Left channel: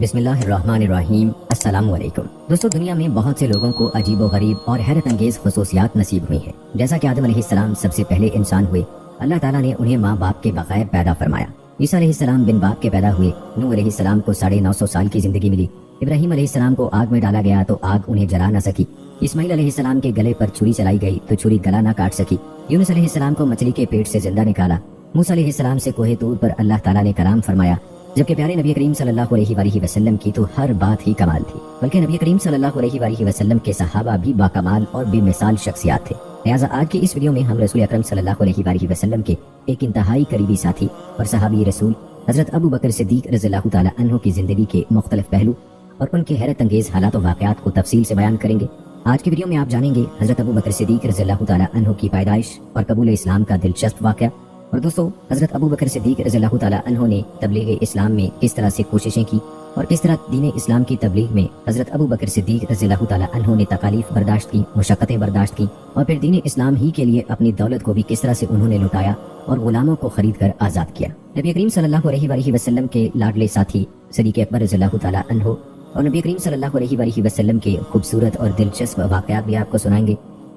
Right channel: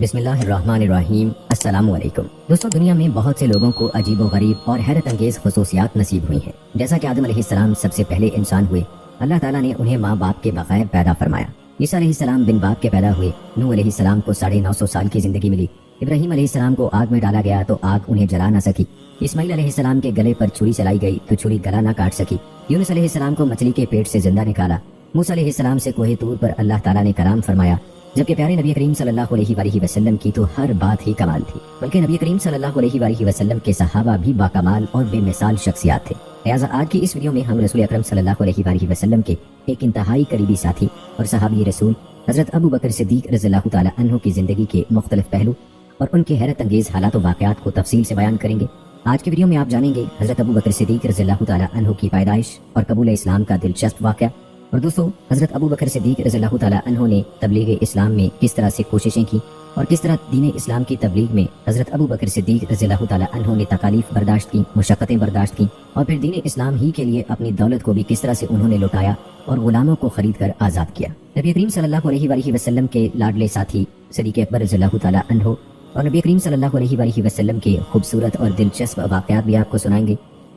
بسم اللہ الرحمن الرحیم۔ السلام علیکم دوستو، دنیا میں بہت سے لوگوں کو عجیب و غریب اور حیرت انگیز خصوصیات نصیب ہوئی ہیں۔ جیسا کہ آدم علیہ السلام سب سے پہلے انسان ہوئے، اللہ تعالیٰ نے انہیں ماں باپ کے بغیر پیدا فرمایا۔ عیسیٰ علیہ السلام بن باپ کے پیدا ہوئے۔ نوح علیہ السلام کو 950 سال کی زندگی ملی۔ ابراہیم علیہ السلام کو آگ میں ڈالا گیا تو آگ انہیں جلا نہ سکی۔ اسماعیل علیہ السلام کے گلے پر چھری چلائی گئی تو چھری گلا نہ کاٹ سکی۔ یونس علیہ السلام کو مچھلی کے پیٹ سے زندہ نکالا۔ موسیٰ علیہ السلام سے کوہ طور پر اللہ تعالیٰ نے کلام فرمایا، جبکہ پیارے نبی کریم صلی اللہ علیہ وآلہ وسلم کی تو ہر بات ہی کمال تھی، بلکہ نبی کریم صلی اللہ علیہ وآلہ وسلم کے صحابہ بھی باکمال اور بے مثال شخصیات تھے۔ لہٰذا آج کی اس ویڈیو میں ہم رسول اکرم صلی اللہ علیہ وآلہ وسلم کے ایک انتہائی قریبی ساتھی اور صحابی رسول حضرت ابو بکر صدیق رضی اللہ تعالیٰ عنہ کی زندگی کے مختلف پہلو اور ان کے حیرت انگیز حالات و واقعات کو تفصیل سے بیان کریں گے۔ آج کی ویڈیو میں آپ جانیں گے حضرت ابو بکر صدیق رضی اللہ تعالیٰ عنہ کی پیدائش اور قبول اسلام کا دلچسپ واقعہ۔ اور دوستو، حضرت ابو بکر صدیق رضی اللہ تعالیٰ عنہ نے تبلیغ اسلام میں کس طرح سے کوششیں کی اور کس طرح دین اسلام کی تبلیغ میں حضرت ابو بکر صدیق رضی اللہ تعالیٰ عنہ نے تکالیف برداشت کی، مشقتیں برداشت کی، اور پھر دین اسلام ہی کے لیے اپنی دولت کو بھی کس طرح سے انہوں نے لوٹایا اور غلاموں کو خرید کر آزاد کیا۔ نبی کریم صلی اللہ علیہ وآلہ وسلم کے لاڈلے ساتھی صدیق اکبر رضی اللہ تعالیٰ عنہ اور نبی کریم صلی اللہ علیہ وآلہ وسلم کے خوبصورت اور دلچسپ واقعات بھی آپ کو سنائیں گے۔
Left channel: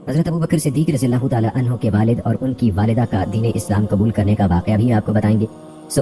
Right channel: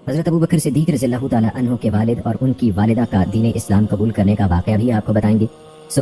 حضرت ابو بکر صدیق رضی اللہ تعالیٰ عنہ کے والد اور ان کی والدہ کا دین اسلام قبول کرنے کا واقعہ بھی آپ کو بتائیں گے۔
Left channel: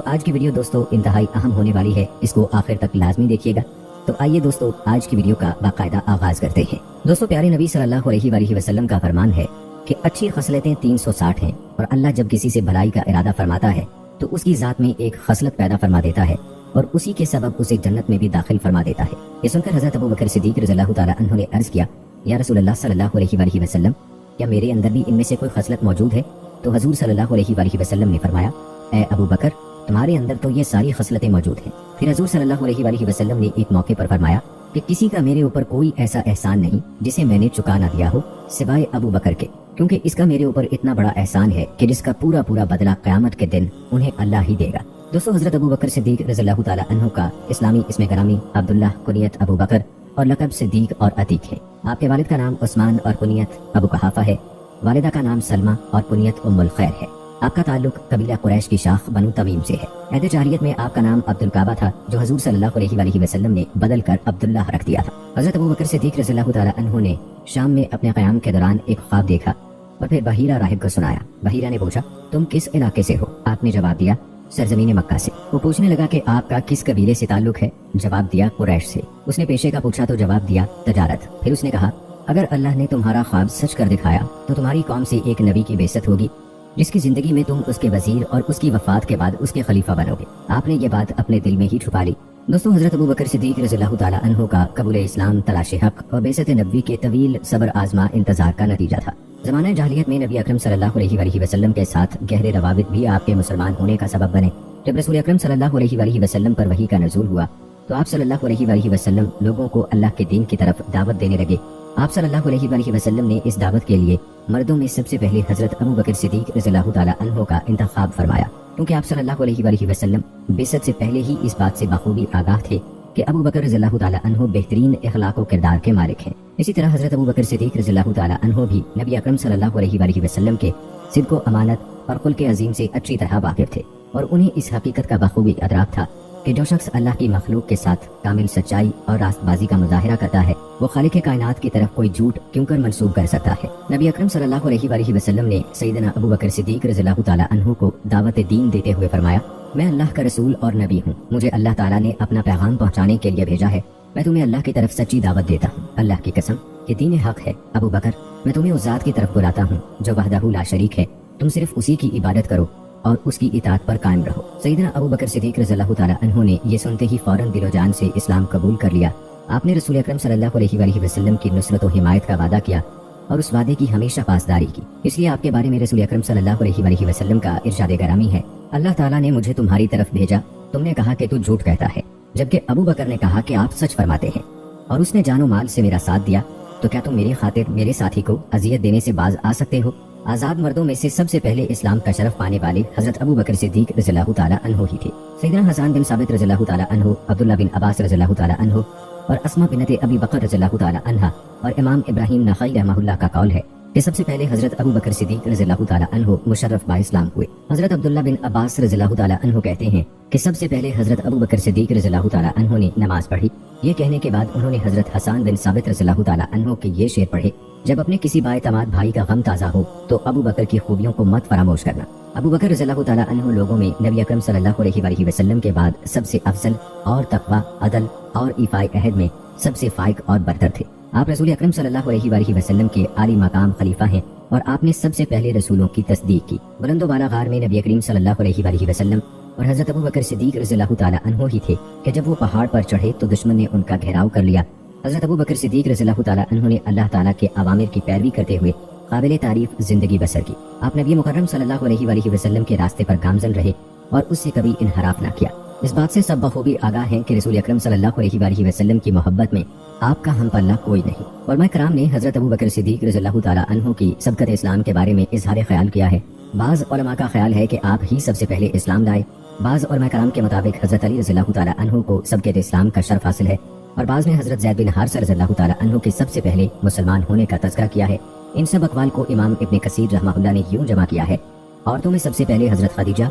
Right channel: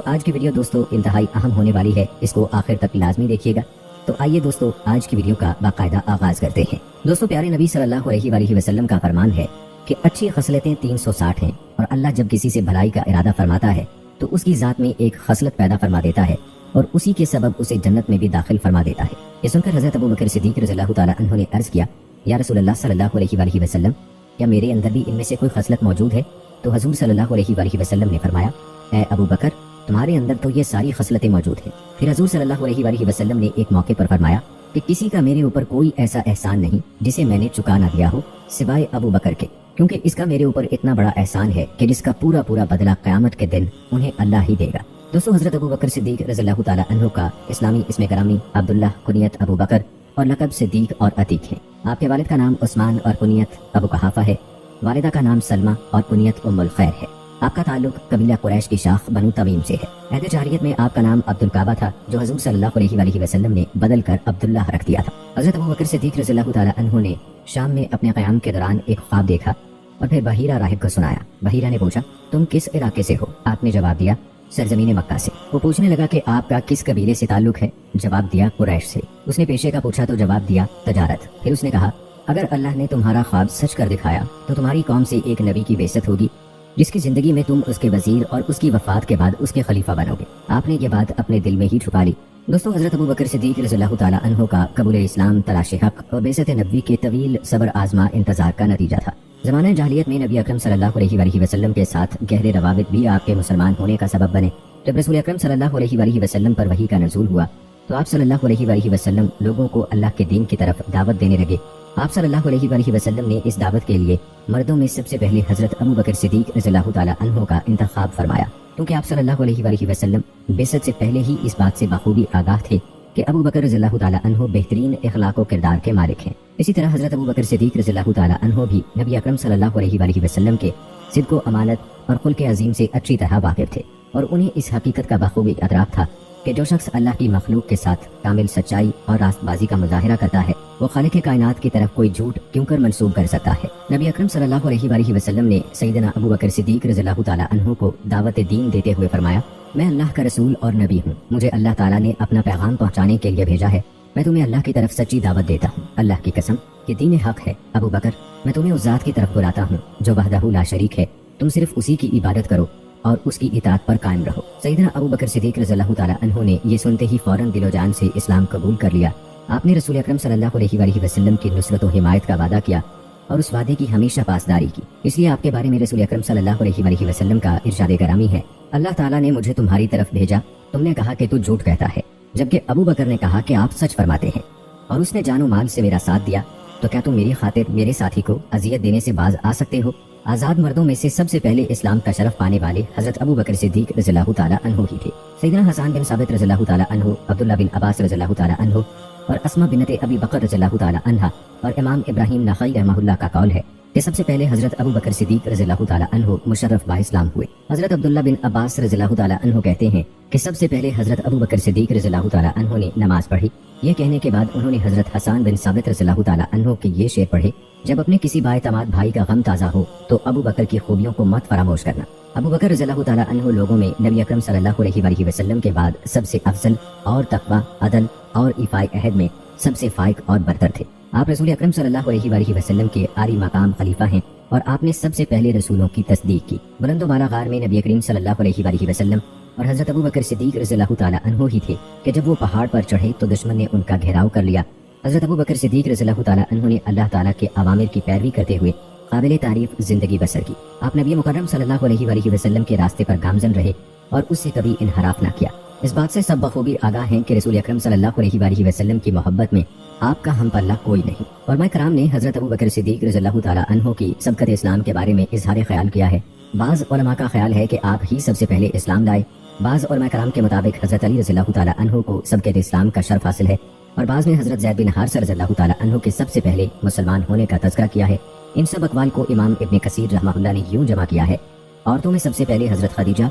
آج کی ویڈیو دوستو انتہائی اہم ہونے والی ہے، اس کو آخر تک لازمی دیکھیے گا۔ تو آئیے دوستو آج کی ویڈیو کا باقاعدہ آغاز کرتے ہیں۔ دوستو، پیارے نبی صلی اللہ علیہ وآلہ وسلم کا فرمان ہے کہ اچھی خصلتیں 360 ہیں، اور اللہ جب کسی سے بھلائی کا ارادہ فرماتا ہے تو اس کی ذات میں ایک خصلت پیدا فرما دیتا ہے اور اسی کے سبب اسے جنت میں بھی داخل فرما دیتا ہے۔ یہ سن کر حضرت ابو بکر صدیق رضی اللہ تعالیٰ عنہ نے عرض کیا، یا رسول اللہ صلی اللہ علیہ وآلہ وسلم، کیا میرے اندر بھی ان میں سے کوئی خصلت موجود ہے؟ تو حضور صلی اللہ علیہ وآلہ وسلم نے فرمایا، اے ابو بکر، تمہارے اندر تو یہ ساری خصلتیں موجود ہیں۔ پھر حضور صلی اللہ علیہ وآلہ وسلم نے ایک موقع پر فرمایا کہ کسی کا میرے اوپر کوئی ایسا احسان نہیں جسے میں نے چکا نہ دیا ہو سوائے ابو بکر کے، کیونکہ اس کا میرے اوپر اتنا بڑا احسان ہے کہ جس کا پورا بدلہ قیامت کے دن انہیں اللہ ہی دے گا۔ دوستو، حضرت ابو بکر صدیق رضی اللہ تعالیٰ عنہ کا اسلامی اسم گرامی عبداللہ، کنیت ابو بکر اور لقب صدیق اور عتیق ہے۔ آپ کے والد کا نام عثمان اور کنیت ابو قحافہ ہے۔ والدہ کا نام سلمہ اور کنیت ام الخیر ہے۔ آپ کا تعلق قبیلہ قریش کی شاخ بنو تمیم سے ہے۔ عہد جاہلیت میں آپ کا نام عبد الکعبہ تھا، جو حضور صلی اللہ علیہ وآلہ وسلم نے بدل کر عبداللہ رکھ دیا تھا۔ حضرت ابو بکر صدیق رضی اللہ تعالیٰ عنہ نے شام میں اپنے قیام کے دوران ایک خواب دیکھا اور پھر بحیرہ راہب کو سنایا۔ بحیرہ نے پوچھا، تم کس علاقے سے ہو؟ آپ نے جواب دیا، سرزمین مکہ سے۔ وہ پوچھنے لگا کہ آپ کا کس قبیلے سے تعلق ہے؟ جواب دیا، قریش سے۔ اس نے پیشے کا پوچھا تو جواب دیا، تجارت۔ پھر اس نے کہا، اگر اللہ نے تمہارا خواب سچ کر دکھایا تو تمہاری قوم سے ایک نبی کی بعثت ہوگی جس کی زندگی میں تم اس کے وزیر اور اس کی وفات کے بعد اس کے خلیفہ بنو گے۔ آپ نے یہ بات اپنے دل میں ہی چھپا لی۔ دوستو، حضرت ابو بکر صدیق رضی اللہ تعالیٰ عنہ کا قبول اسلام تلاش حق اور بعثت نبوی کے طویل صبر آزما انتظار کا نتیجہ تھا۔ زمانہ جاہلیت میں نبی اکرم صلی اللہ علیہ وآلہ وسلم کے ساتھ گہرے روابط بھی آپ کے مسلمان ہونے کا سبب بنے۔ جب رسول اکرم صلی اللہ علیہ وآلہ وسلم پر وحی کا نزول ہوا تو آپ صلی اللہ علیہ وآلہ وسلم لوگوں کو اللہ کے دین کی طرف دعوت دینے لگے۔ آپ صلی اللہ علیہ وآلہ وسلم نے اس دعوت کے لیے مردوں میں سب سے پہلے حضرت ابو بکر صدیق رضی اللہ تعالیٰ عنہ کا انتخاب فرمایا، کیونکہ آپ صلی اللہ علیہ وآلہ وسلم بعثت سے پہلے ہی اس بات سے بخوبی آگاہ تھے کہ ابو بکر رضی اللہ تعالیٰ عنہ بہترین اخلاق و کردار کے مالک ہیں۔ اسی طرح حضرت ابو بکر صدیق رضی اللہ تعالیٰ عنہ بھی نبی اکرم صلی اللہ علیہ وآلہ وسلم کے صدق و امانت اور خلق عظیم سے اچھی طرح واقف تھے، اور انہیں اس حقیقت کا بخوبی ادراک تھا کہ جو شخص اللہ کی مخلوق کے ساتھ کامل سچائی اور راست بازی کا مظاہرہ کرتا ہے وہ خالق کائنات کی طرف کوئی جھوٹ کیوں کر منسوب کر سکتا ہے۔ نبی اکرم صلی اللہ علیہ وآلہ وسلم نے سیدنا ابو بکر صدیق رضی اللہ تعالیٰ عنہ کو دعوت دین دیتے ہوئے فرمایا، میں اللہ کا رسول اور نبی ہوں، مجھے اللہ تعالیٰ نے اپنا پیغام پہنچانے کے لیے بھیجا ہے، میں تمہیں اللہ کی طرف سچی دعوت دیتا ہوں۔ اللہ کی قسم، یہ دین حق ہے۔ ابو بکر، میں تمہیں اس ذات کی طرف بلاتا ہوں جو وحدہ لا شریک ہے، تم صرف اسی کی عبادت کرو اور اس کی اطاعت پر قائم رہو۔ سیدنا ابو بکر صدیق رضی اللہ تعالیٰ عنہ نے یہ سنتے ہی فوراً دل و جان سے اسلام قبول کر لیا۔ آپ نے رسول اکرم صلی اللہ علیہ وآلہ وسلم کی نصرت و حمایت کا وعدہ کیا اور اس وعدے کی ہمیشہ پاسداری کی۔ اس لیے آپ کے بارے میں رسول اکرم صلی اللہ علیہ وآلہ وسلم کا ارشاد گرامی ہے، اللہ تعالیٰ نے مجھے تمہاری طرف بھیجا، تم نے کہا کہ تو جھوٹ کہتا ہے، جبکہ ابو بکر نے کہا کہ آپ سچ فرماتے ہیں، اور اس نے جان و مال سے میرا ساتھ دیا، تو کیا تم میری خاطر میرے ساتھی کو اذیت دینے سے باز آ سکتے ہو؟ آزاد مردوں میں سے سب سے پہلے اسلام کا شرف پانے والے حضرت ابو بکر صدیق رضی اللہ تعالیٰ عنہ ہی تھے۔ سیدنا حسان بن ثابت رضی اللہ تعالیٰ عنہ، عبداللہ بن عباس رضی اللہ تعالیٰ عنہ اور اسما بنت ابی بکر رضی اللہ تعالیٰ عنہ اور امام ابراہیم نخعی رحمہ اللہ کا قول ہے کہ سب سے پہلے حضرت ابو بکر صدیق رضی اللہ تعالیٰ عنہ مشرف با اسلام ہوئے۔ حضرت عبداللہ بن عباس رضی اللہ تعالیٰ عنہ کہتے ہیں کہ سب سے پہلے حضرت ابو بکر صدیق رضی اللہ تعالیٰ عنہ نے نماز پڑھی۔ یہ کہنے کے بعد انہوں نے حضرت حسان بن ثابت رضی اللہ تعالیٰ عنہ کے یہ شعر پڑھے، جب اپنے کسی بااعتماد بھائی کا غم تازہ ہو تو ابو بکر کی خوبیوں کو مت فراموش کرنا۔ ابو بکر رضی اللہ تعالیٰ عنہ لوگوں میں نبی اکرم صلی اللہ علیہ وآلہ وسلم کے بعد سب سے افضل اور تقویٰ، عدل اور ایفاء عہد میں سب سے فائق اور برتر تھے۔ آپ رسول اکرم صلی اللہ علیہ وآلہ وسلم کے عالی مقام خلیفہ ہیں اور آپ نے سب سے پہلے رسولوں کی تصدیق کی۔ بلند و بالا غار میں نبی کریم صلی اللہ علیہ وآلہ وسلم اور حضرت ابو بکر صدیق رضی اللہ تعالیٰ عنہ ہی تھے کہ جب وہ پہاڑ پر چڑھے تو دشمن نے ان کا گھیراؤ کر لیا۔ حضرت ابو بکر صدیق رضی اللہ تعالیٰ عنہ نے اللہ تعالیٰ کے اوامر کی پیروی کرتے ہوئے قابل تعریف زندگی بسر کی۔ آپ نبی مکرم صلی اللہ علیہ وآلہ وسلم کے راستے پر گامزن رہے اور اس سے کبھی انحراف نہ کیا۔ اس بات سے سب بخوبی آگاہ ہیں کہ رسول اکرم صلی اللہ علیہ وآلہ وسلم کی محبت میں آپ کا ہم پلہ کوئی نہیں۔ علماء کرام نے حضرت ابو بکر صدیق رضی اللہ تعالیٰ عنہ کی سبقت اسلام کے بارے میں اظہار خیال کیا ہے۔ بعض علماء کا خیال ہے کہ آپ ہی سب سے پہلے اسلام لائے، بعض علماء کرام کے مطابق حضرت علی رضی اللہ تعالیٰ عنہ کو سبقت اسلام کا شرف حاصل ہے، اور بعض نے حضرت زید بن حارثہ رضی اللہ تعالیٰ عنہ کے سب سے پہلے مسلمان ہونے کا تذکرہ کیا ہے۔ ان سب اقوال کو امام ابن کثیر رحمہ اللہ نے یوں جمع کیا ہے: عورتوں میں سب سے پہلے حضرت خدیجہ،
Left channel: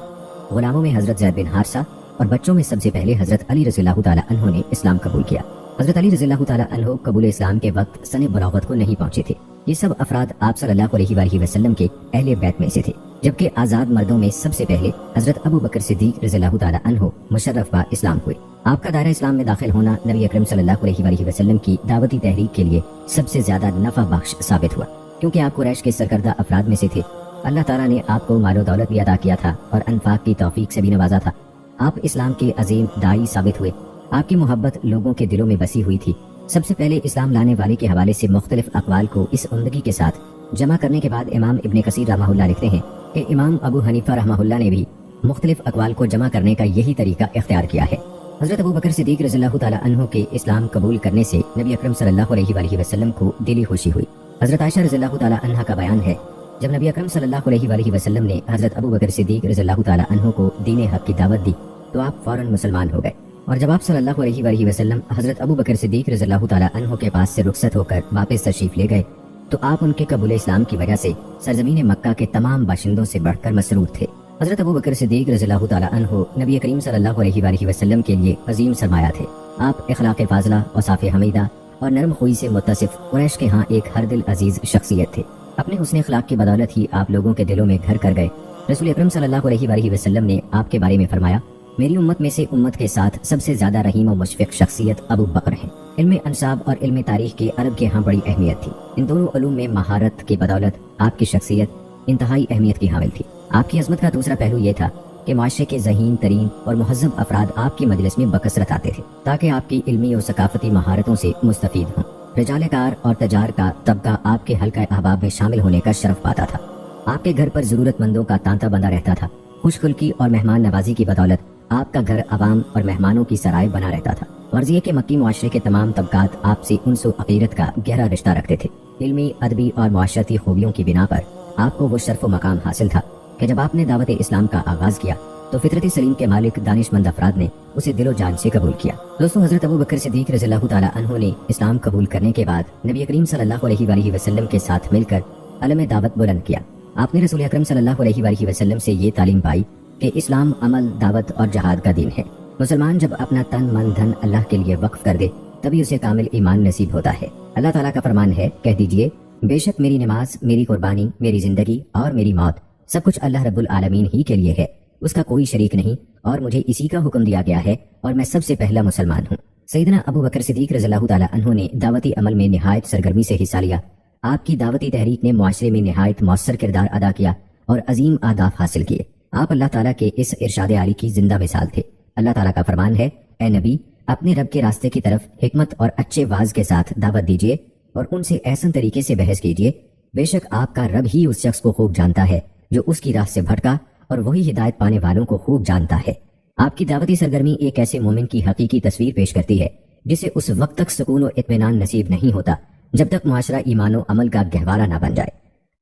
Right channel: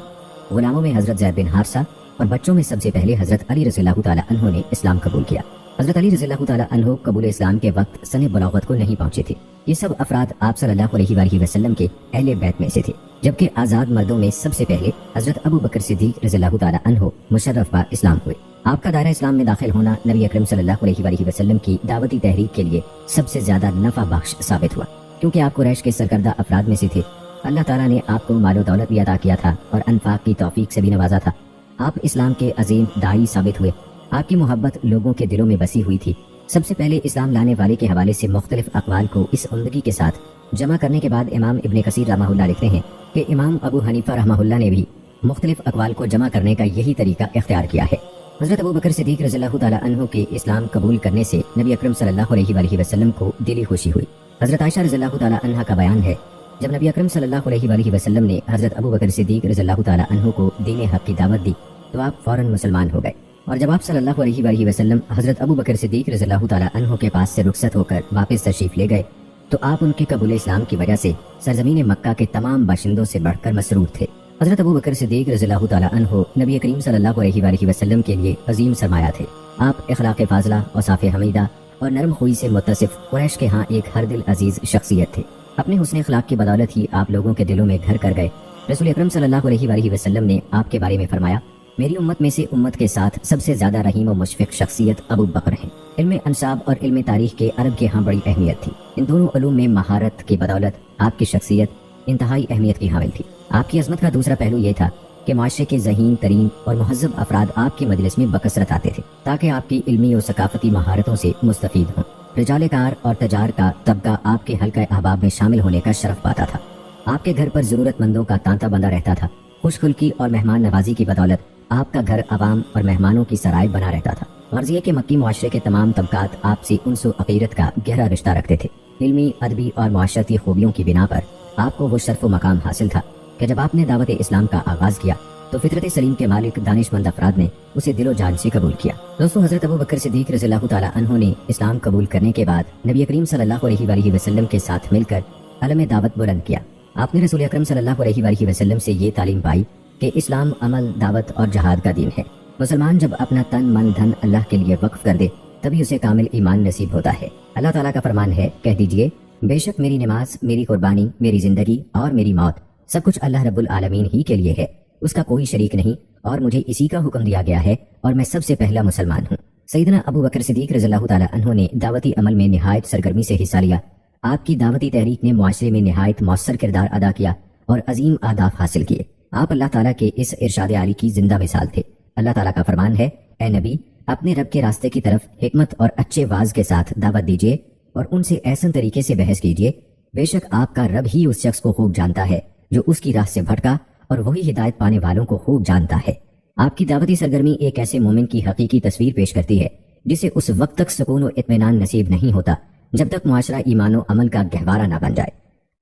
غلاموں میں حضرت زید بن حارثہ، اور بچوں میں سب سے پہلے حضرت علی رضی اللہ تعالیٰ عنہ نے اسلام قبول کیا۔ حضرت علی رضی اللہ تعالیٰ عنہ قبول اسلام کے وقت سن بلاغت کو نہیں پہنچے تھے۔ یہ سب افراد آپ صلی اللہ علیہ وآلہ وسلم کے اہل بیت میں سے تھے، جبکہ آزاد مردوں میں سب سے پہلے حضرت ابو بکر صدیق رضی اللہ تعالیٰ عنہ مشرف با اسلام ہوئے۔ آپ کا دائرہ اسلام میں داخل ہونا نبی اکرم صلی اللہ علیہ وآلہ وسلم کی دعوتی تحریک کے لیے سب سے زیادہ نفع بخش ثابت ہوا، کیونکہ آپ قریش کے سرکردہ افراد میں سے تھے۔ اللہ تعالیٰ نے آپ کو مال و دولت بھی عطا کیا تھا اور انفاق کی توفیق سے بھی نوازا تھا۔ آپ اسلام کے عظیم داعی ثابت ہوئے۔ آپ کی محبت لوگوں کے دلوں میں بسی ہوئی تھی۔ سب سے پہلے اسلام لانے والے کے حوالے سے مختلف اقوال کو اس عمدگی کے ساتھ جمع کرنے کے بعد امام ابن کثیر رحمہ اللہ لکھتے ہیں کہ امام ابو حنیفہ رحمہ اللہ نے بھی مختلف اقوال کو جمع کرنے کا یہی طریقہ اختیار کیا ہے۔ حضرت ابو بکر صدیق رضی اللہ تعالیٰ عنہ کے اسلام قبول کرنے سے نبی اکرم صلی اللہ علیہ وآلہ وسلم کو دلی خوشی ہوئی۔ حضرت عائشہ رضی اللہ تعالیٰ عنہ کا بیان ہے، جب نبی اکرم صلی اللہ علیہ وآلہ وسلم نے حضرت ابو بکر صدیق رضی اللہ تعالیٰ عنہ کو دین حق کی دعوت دی تو آپ فوراً مسلمان ہو گئے، اور جب آپ صلی اللہ علیہ وآلہ وسلم حضرت ابو بکر صدیق رضی اللہ تعالیٰ عنہ کے پاس سے رخصت ہو کر واپس تشریف لے گئے تو آپ ان کے قبول اسلام کی وجہ سے سرزمین مکہ کے تمام باشندوں سے بڑھ کر مسرور تھے۔ حضرت ابو بکر صدیق رضی اللہ تعالیٰ عنہ نبی کریم صلی اللہ علیہ وآلہ وسلم کے لیے عظیم سرمایہ تھے۔ آپ اخلاق فاضلہ، اوصاف حمیدہ اور نرم خوئی سے متصف قریش کے ہاں ایک ہر دل عزیز شخصیت تھے۔ اپنے حسن اخلاق کی بدولت ہی آپ لوگوں کے دلوں میں گھر کر گئے۔ رسول اکرم صلی اللہ علیہ وآلہ وسلم نے آپ کے بارے میں فرمایا، میری امت میں سے امت کے ساتھ سب سے زیادہ رحیم و مشفق شخصیت ابو بکر ہیں۔ علم انصاب اور علم تاریخ کے عرب کے ہاں بڑی اہمیت تھی۔ ان دونوں علوم میں مہارت کی بدولت آپ کی شخصیت انتہائی اہمیت کی حامل تھی۔ آپ کی عظمت کا دوسرا پہلو یہ تھا کہ معاشرے کے ذہین ترین اور مہذب افراد آپ کی مجلس میں بکثرت آتے تھے تاکہ آپ کی علمی اور ثقافتی مہارتوں سے مستفید ہوں۔ رجال کار اور تجار کا طبقہ آپ کے حلقہ احباب میں شامل ہونے کا شرف پاتا تھا۔ آپ کے گھر پر ضرورت مندوں کا تانتا بندہ رہتا تھا۔ خوش خلقی اور مہمان نوازی کی بدولت آپ کا گھر عوام اور مہمانوں کی سرائے بنا رہتا تھا۔ غرض یہ کہ مکی معاشرے کے تمام طبقات آپ سے انس و عقیدت کا گہرا رشتہ رکھتے تھے۔ علمی، ادبی اور معاشرتی خوبیوں کی بنا پر آپ کو وہ شرف و مقام حاصل تھا کہ جب آپ نے دعوت اسلام کا آغاز کیا تو فطرت سلیم کے مالک دانش مند افراد نے اسے دل و جان سے قبول کیا۔ دوستو، حضرت ابو بکر صدیق رضی اللہ تعالیٰ عنہ نے اسلام قبول کرنے کے بعد نبی کریم صلی اللہ علیہ وآلہ وسلم کے ساتھ مل کر علم دعوت بلند کیا۔ آپ نے رسول اکرم صلی اللہ علیہ وآلہ وسلم سے یہ تعلیم پائی کہ اسلام عمل، دعوت اور جہاد کا دین ہے۔ مسلمان جب اپنا تن من دھن اللہ کے لیے وقف کر دے تبھی اسے کامل ایمان نصیب ہوتا ہے۔ اللہ تعالیٰ کا فرمان ہے، کہہ دیجئے بے شک میری نماز، میری قربانی، میری زندگی اور میری موت سب کچھ اللہ رب العالمین ہی کے لیے ہے، اس کا کوئی شریک نہیں، اور مجھے اسی کا حکم دیا گیا ہے اور میں سب سے پہلا مسلمان ہوں۔ سیدنا ابو بکر صدیق رضی اللہ تعالیٰ عنہ نے دعوتی عمل میں نہایت سرگرمی سے حصہ لیا۔ آپ کی دعوتی تحریک نے معاشرے میں نہایت مؤثر کردار ادا کیا اور عظیم اہداف حاصل کیے۔ آپ اللہ تعالیٰ کی اس ارشاد عالی کی زندہ مثال تھے۔ اللہ تعالیٰ کا فرمان ہے، اے نبی، اپنے رب کے راستے کی طرف حکمت اور اچھے واز کے ساتھ دعوت دیجیے اور ان سے احسن طریقے سے بحث کیجیے۔ بے شک آپ کا رب ہی اس شخص کو خوب جانتا ہے جو اس کی راہ سے بھٹکا، اور وہی ہدایت پانے والوں کو خوب جانتا ہے۔ آپ کی دعوتی سرگرمی ایک ایسے مومن کی حقیقی تصویر پیش کرتی ہے جسے اس وقت تک سکون و اطمینان نصیب نہیں ہوتا جب تک معاشرہ ایمان و عمل کا گہوارہ نہ بن جائے۔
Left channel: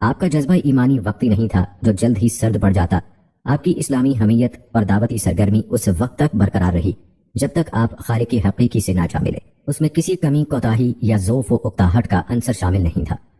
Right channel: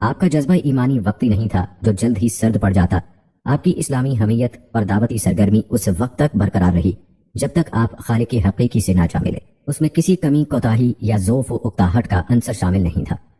آپ کا جذبہ ایمانی وقتی نہیں تھا جو جلد ہی سرد پڑ جاتا۔ آپ کی اسلامی حمیت اور دعوتی سرگرمی اس وقت تک برقرار رہی جب تک آپ خالق حقیقی سے نہ جا ملے۔ اس میں کسی کمی، کوتاہی یا ضعف و اکتاہٹ کا عنصر شامل نہیں تھا۔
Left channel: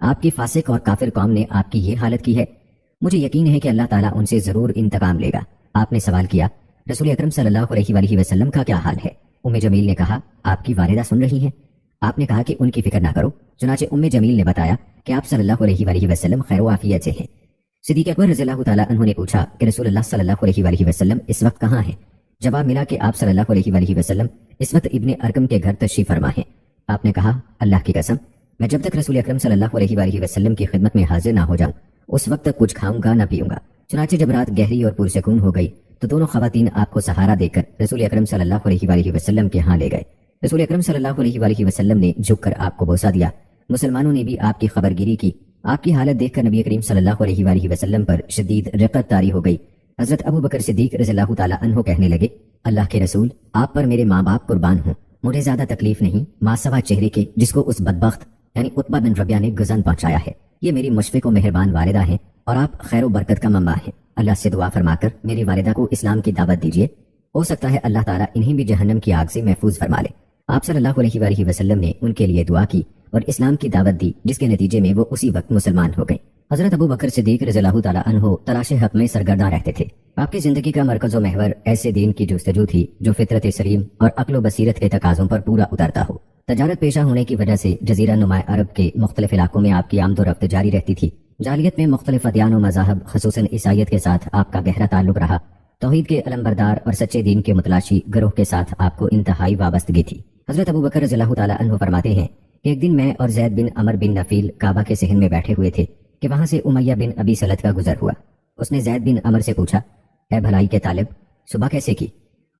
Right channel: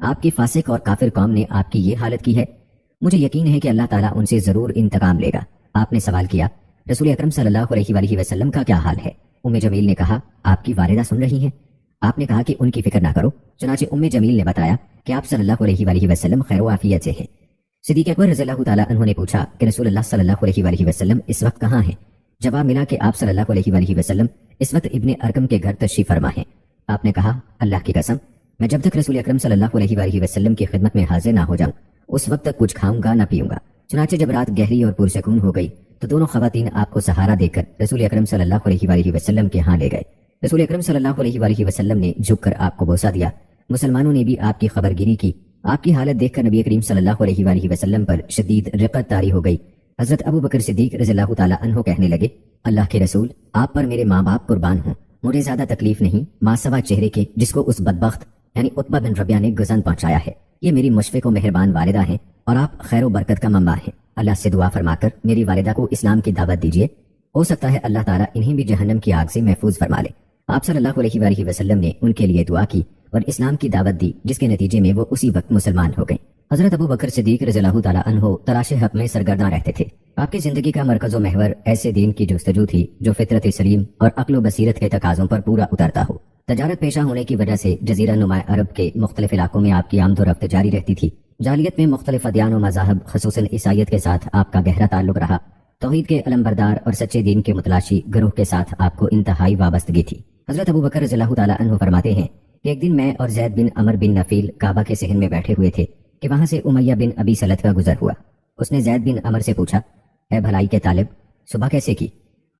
آپ کی فاسق اور کافر قوم نے آپ کی یہ حالت کی ہے، مجھے یقین ہے کہ اللہ تعالیٰ ان سے ضرور انتقام لے گا۔ آپ نے سوال کیا، رسول اکرم صلی اللہ علیہ وآلہ وسلم کا کیا حال ہے؟ ام جمیل نے کہا، آپ کی والدہ سن رہی ہیں۔ آپ نے کہا کہ ان کی فکر نہ کرو۔ چنانچہ ام جمیل نے بتایا کہ آپ صلی اللہ علیہ وآلہ وسلم خیر و عافیت سے ہیں۔ صدیق اکبر رضی اللہ تعالیٰ عنہ نے پوچھا کہ رسول اللہ صلی اللہ علیہ وآلہ وسلم اس وقت کہاں ہیں؟ جواب ملا کہ آپ صلی اللہ علیہ وآلہ وسلم اس وقت ابن ارقم کے گھر تشریف فرما ہیں۔ آپ نے کہا، اللہ کی قسم، میں جب تک رسول اکرم صلی اللہ علیہ وآلہ وسلم کی خدمت میں حاضر نہ ہو جاؤں اس وقت تک کچھ کھاؤں گا نہ پیوں گا۔ چنانچہ جب رات گہری اور پرسکون ہو گئی تو دونوں خواتین آپ کو سہارا دے کر رسول اکرم صلی اللہ علیہ وآلہ وسلم کے ہاں لے گئے۔ رسول اکرم صلی اللہ علیہ وآلہ وسلم نے جھک کر آپ کو بوسہ دیا۔ مسلمانوں نے بھی آپ کی خبر گیری کی۔ آپ کی حالت دیکھ کر نبی کریم صلی اللہ علیہ وآلہ وسلم پر شدید رقت طاری ہو گئی۔ حضرت ابو بکر صدیق رضی اللہ تعالیٰ عنہ کہنے لگے، اللہ کے رسول، آپ پر میرے ماں باپ قربان ہوں، مجھے زیادہ تکلیف نہیں ماسوا چہرے کے جس کو اس بدبخت یعنی عتبہ بن ربیہ نے گزن پہنچایا ہے۔ یہ میری مشفق و مہربان والدہ ہیں اور آپ خیر و برکت کا منبع ہیں۔ اللہ سے دعا فرما کر میری والدہ کو اسلام کی دعوت دیجیے، ہو سکتا ہے اللہ تعالیٰ انہیں بھی جہنم کی آگ سے محفوظ فرما لے۔ آپ صلی اللہ علیہ وآلہ وسلم نے ان کے لیے دعا کی اور اسلام کی دعوت دی، جس کے نتیجے میں وہ اسی وقت مسلمان ہو گئے۔ حضرت ابو بکر صدیق رضی اللہ تعالیٰ عنہ تلاش حق میں سرگرداں رہتے تھے۔ آپ کی زندگی کا مرکز و محور ایسے دین کی جستجو تھی جو فطرت سلیم اور عقل و بصیرت کے تقاضوں پر پورا اترتا ہو۔ تجارت پیشہ ہونے کی وجہ سے جزیرہ نما عرب کے مختلف علاقوں میں آپ کی آمد و رفت جاری رہتی تھی۔ جاہلیت میں مختلف ادیان و مذاہب خصوصاً عیسائیت کے ساتھ آپ کا گہرا تعلق رہا۔ توحید کے علمبردار اور سچے دین کے متلاشی گروہ کے ساتھ آپ کو انتہائی وابستگی تھی۔ حضرت ابو بکر رضی اللہ تعالیٰ عنہ فرماتے ہیں کہ ایک دن میں اور زید بن عمر بن نفیل کعبہ کے صحن میں بیٹھے ہوئے تھے کہ وہاں سے امیہ بن ابی سلت کا گزر ہوا۔ اس نے زید بن عمر سے پوچھا، اے بھلائی کے طالب، صبح کیسے کی؟